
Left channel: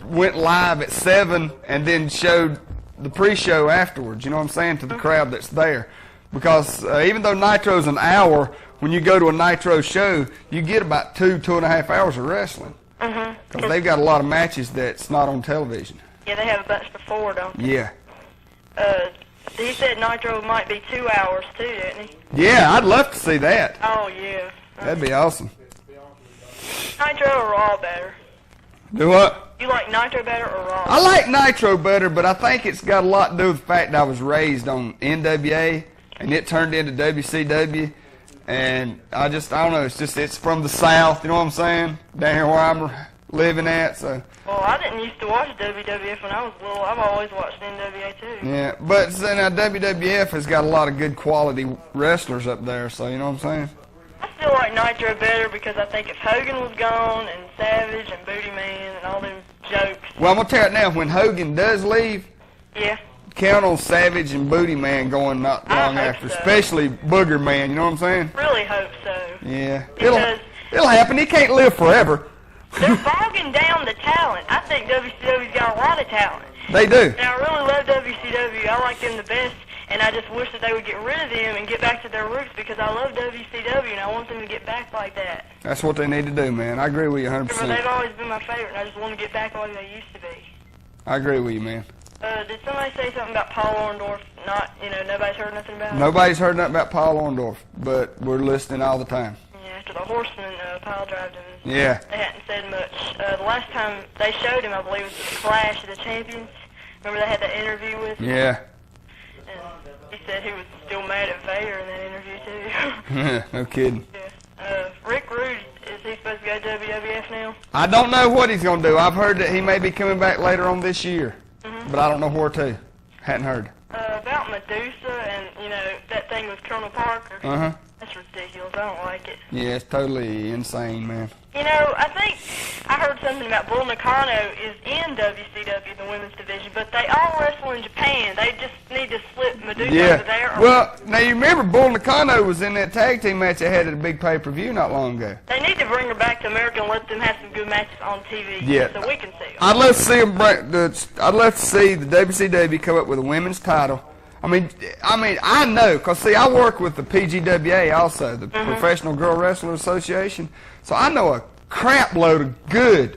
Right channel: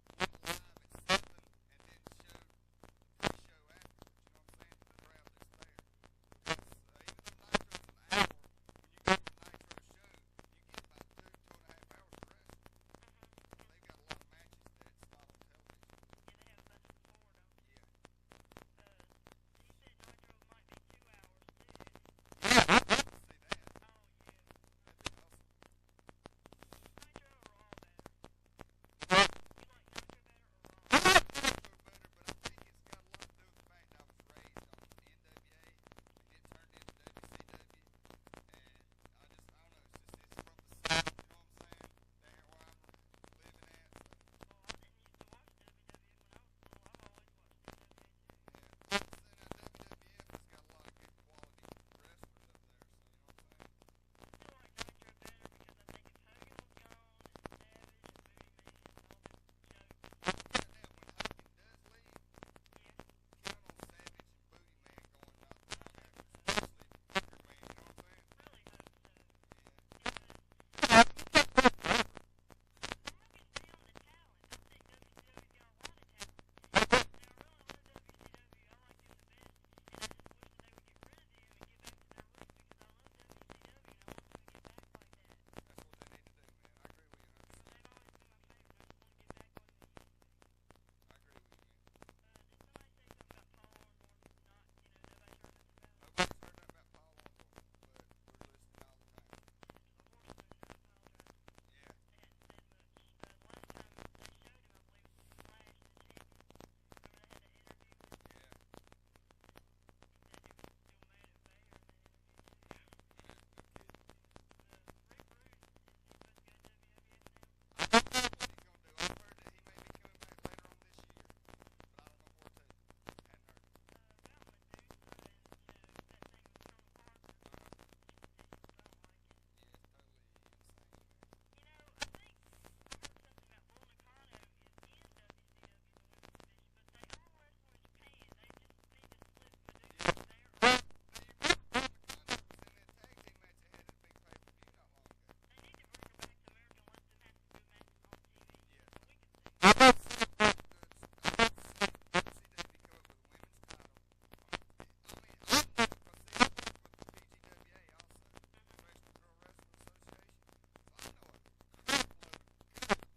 went live at 7 and then showed the pre-show afterwards, you know what I'm saying, to the crowd that's there. Because even though Nitro's an hour, when you go to a Nitro show, you get about 2.5 hours of wrestling. Because they've got a lot of matches that's not on television. Yeah, they have a bunch before, don't they? Yeah. He said Nitro might be 2 hours, too, didn't he? Yeah, I'd love to see that. Oh, yeah. That'd be awesome. Nitro or Raw better? Do what? You like Nitro better or Raw? I like Nitro better, but I think it's got a lot to do with the fact that I was raised on NWA, and it turned into WCW, and I don't know, it's from the South, you know what I'm saying? Down here where I'm living at, so. Well, I didn't used to watch WWF when I was little. I've always watched NWA too. Yeah, but so now WWF has got a lot of good quality wrestlers up there, so you know what I'm saying? I still like Nitro better because I think if Hogan was gone and Savage and Booty Man and all them jokes. Well, I'm going to tell you now, when Hogan does leave, Yeah. count on Savage and Booty Man going not long after, especially Booger Man, you know what I'm saying? Really hope so. Yeah, Because it'll happen. He can't live forever. they're bogging down the talent. I think WCW's got a lot of talent. They do. And I really love WCW. I like them the best, and I just wish that they would get rid of them and get back to their roots because I love WCW and I want them to get back like that. That's what they need to do, man. I agree with you 100%. But they've always been my favorite, and I just want to get back like they used to be. I agree with you, man. Did somebody say something about Paul Orndorff? Nobody's heard nothing about him? Nobody's heard nothing about Paul Orndorff, but we're listening all the time. Yeah, after the Horseman pile drived him. Yeah. They hadn't said much. The last time they showed him, I believe, was the Clash of the Champions. Remember they had that interview with him? Yeah. And he said he was still mad at Vader in that interview, too. No kidding. Rick Rude, is he supposed to go to WWF now? I don't know what he's going to do. I've heard that he may be coming back later on this year, but I don't know where to. Hadn't heard. About Medusa and, that thing with Colonel Parker. Uh-huh. That's ridiculous. I don't like it. Yeah, it's totally insane, man. I think I heard something about Bull Nakano is in WCW, the women's division, but they all wrestle in Japan. They just need to slip Medusa over there. Well, now you remember Bull Nakano was in that tag team match they had at a big pay-per-view not long ago. They need to bring her back to America and let them have some good matches on TV so we can see them. I'd love to see them I'd love to see the WCW come up with a women's title. I know, because, see, I work with the PGWA also, the Professional Girl Wrestler Association, so I know a crap load of good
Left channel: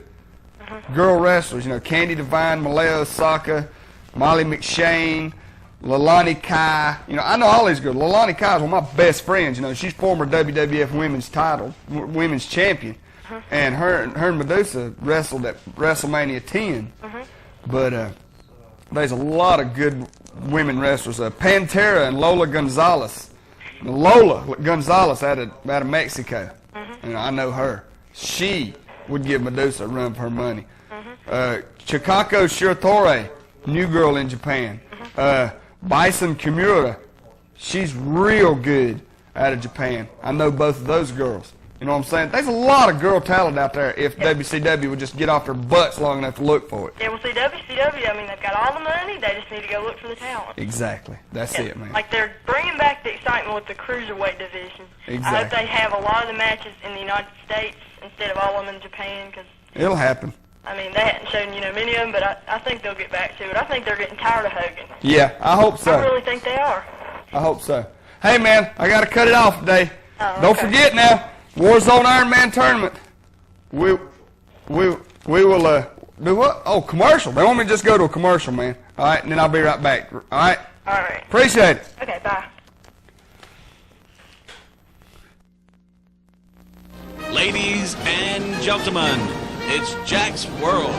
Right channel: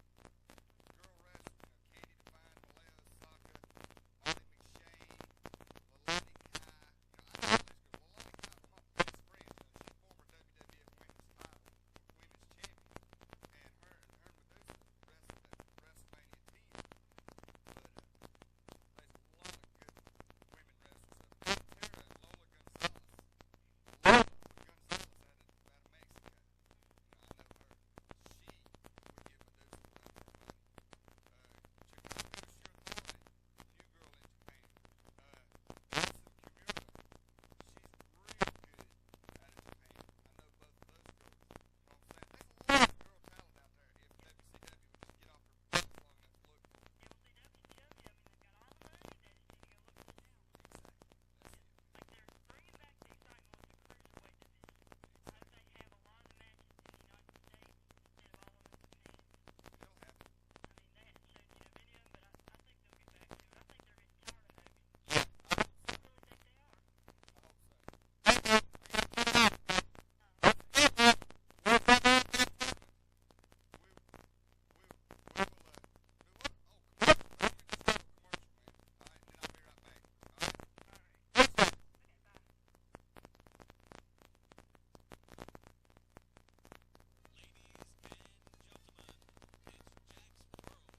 girl wrestlers. Candy Devine, Malaya Osaka, Molly McShane, Lalani Kai. I know all these girls. Lalani Kai is one of my best friends. She's former WWF women's champion, and her and Medusa wrestled at WrestleMania 10. But there's a lot of good women wrestlers. Pantera and Lola Gonzalez. Lola Gonzalez out of Mexico. I know her. She would give Medusa a run for her money. Chikako Shiratore, new girl in Japan. Bison Kimura, she's real good out of Japan. I know both of those girls. You know what I'm saying? There's a lot of girl talent out there if WCW would just get off their butts long enough to look for it. Yeah, well, see, WCW, they've got all the money. They just need to go look for the talent. Exactly. That's it, man. Like, they're bringing back the excitement with the cruiserweight division. Exactly. I hope they have a lot of the matches in the United States instead of all of them in Japan, because it'll happen. They hadn't shown, many of them, but I think they'll get back to it. I think they're getting tired of Hogan. Yeah, I hope so. I really think they are. I hope so. Hey, man, I got to cut it off today. Don't okay. forget now, Warzone Iron Man tournament. We will do what? Oh, commercial. They want me to just go to a commercial, man. All right, and then I'll be right back. All right? All right. Appreciate it. Okay, bye. Ladies and gentlemen, it's Jack's World.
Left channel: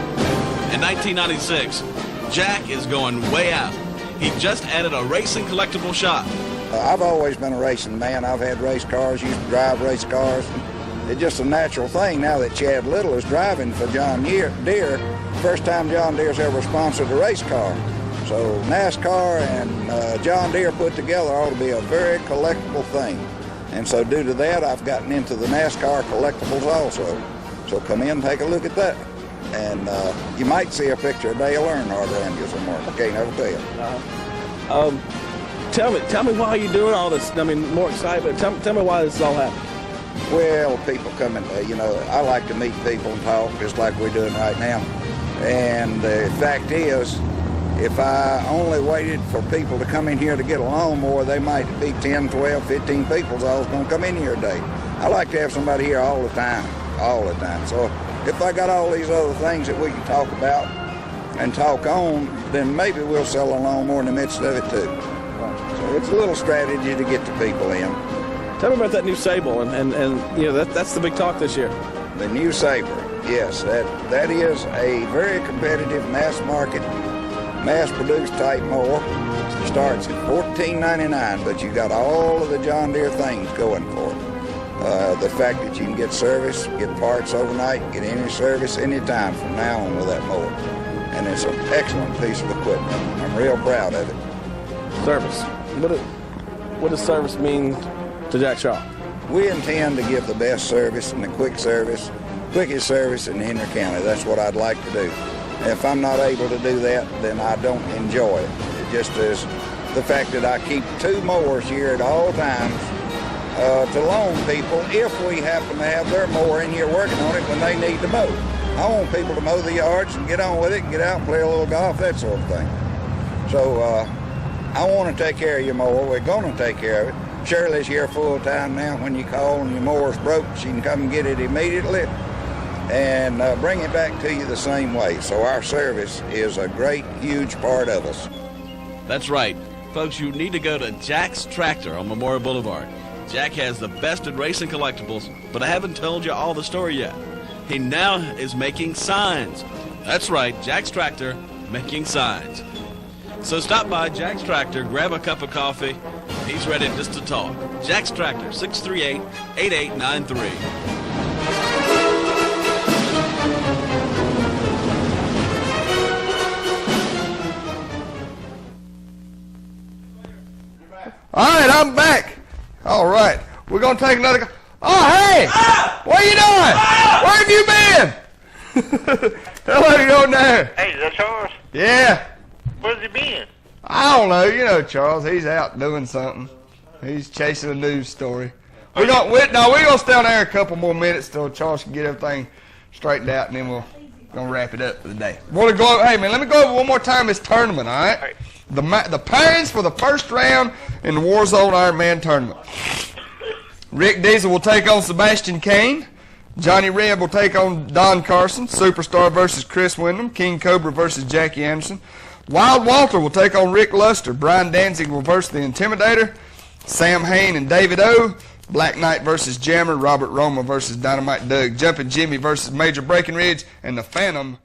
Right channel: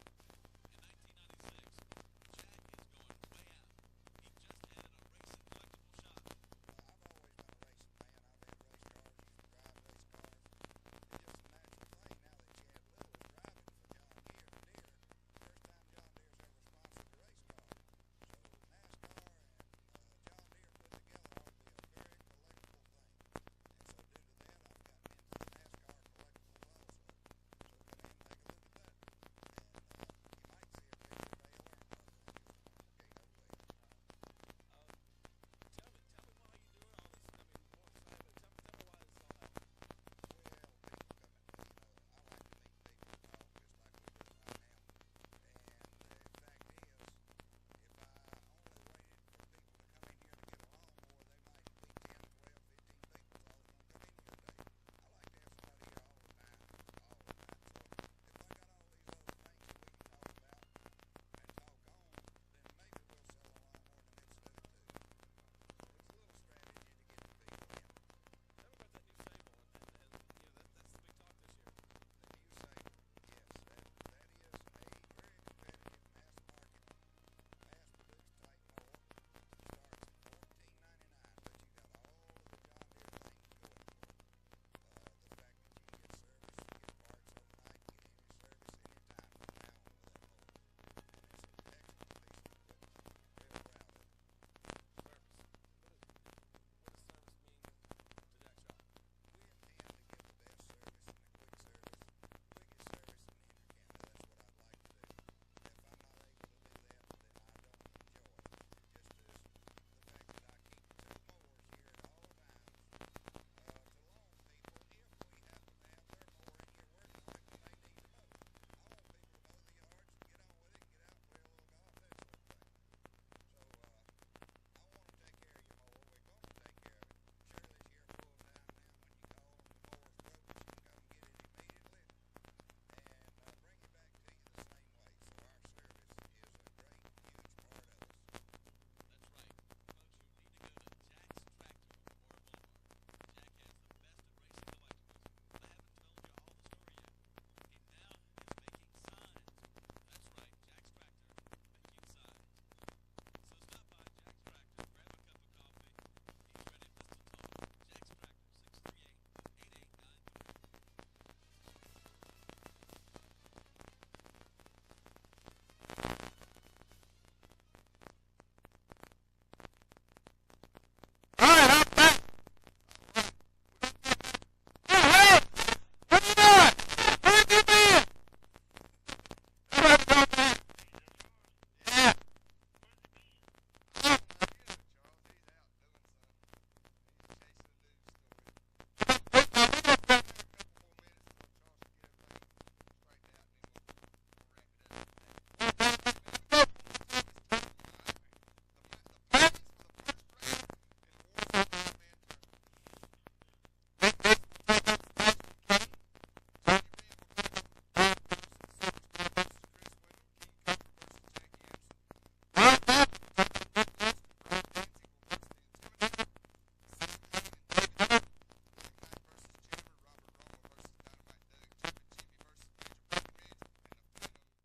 In 1996, Jack is going way out. He just added a racing collectible shop. I've always been a racing man. I've had race cars, used to drive race cars. It's just a natural thing now that Chad Little is driving for John Deere. First time John Deere's ever sponsored a race car. So NASCAR and John Deere put together ought to be a very collectible thing. And so due to that, I've gotten into the NASCAR collectibles also. So come in and take a look at that. And you might see a picture of Dale Earnhardt around you somewhere. I can't ever tell. Tell me why you're doing all this. More excited, but tell me why this is all happening. Well, people come in, I like to meet people and talk just like we're doing right now. And the fact is, if I only waited for people to come in here to get a lawnmower, they might be 10, 12, 15 people that's all going to come in here a day. I like to have somebody here all the time. So if I got all these other things that we can talk about and talk on, then maybe we'll sell a lawnmower in the midst of it too. So it's a little strategy to get the people in. Tell me about that new Sable, and that's the big talk this year. The new Sabre, yes, that is a very competitive mass market, mass-produced type mower. It starts at $14.99, but you got all of the John Deere things going for it. The fact that you can get service, get parts overnight, get any service anytime from now on with that mower. And it's an excellent piece of equipment. I'm real proud of it. Service. What does service mean to Jack Shaw? We intend to give the best service and the quickest service in Henry County. That's what I'd like to do. If I'm not able to do that, then I don't enjoy it. It just is the fact that I keep 2 mowers here at all times to loan people if we happen to have their mower in here working on it when they need to mow. I want people to mow the yards and get on with it and get out and play a little golf, that sort of thing. So I want to take care of your mower. We're going to take care of it. Shirley's here full time now. When you call and your mower's broke, she can come and get it immediately and bring it back to you the same way. So our service is a great, huge part of us. That's right. Folks, you need to go to Jack's Tractor on Memorial Boulevard. Jack has the best in racing collectibles, but I haven't told you all the story yet. He now is making signs. That's right, Jack's Tractor, making signs. So stop by Jack's Tractor, grab a cup of coffee. He's ready just to talk. Jack's Tractor, 638-8893. All right, I'm back. All right, we're going to take another... Oh, hey! What are you doing? Where have you been? Hello, you on there? Hey, is that Charles? Yeah. Where's he been? I don't know. You know Charles. He's out doing something. He's chasing a news story. We're gonna stay on there a couple more minutes till Charles can get everything straightened out, and then we're gonna wrap it up for the day. Hey man, let me go over one more time this tournament. All right. The pairings for the first round in the Warzone Ironman tournament. Rick Deezel will take on Sebastian Kane. Johnny Reb will take on Don Carson. Superstar versus Chris Wyndham. King Cobra versus Jackie Anderson. Wild Walter will take on Rick Luster. Brian Danzig will versus the Intimidator. Sam Hain and David O. Black Knight versus Jammer. Robert Roma versus Dynamite Doug. Jumpin' Jimmy versus Major Breckenridge. And the Phantom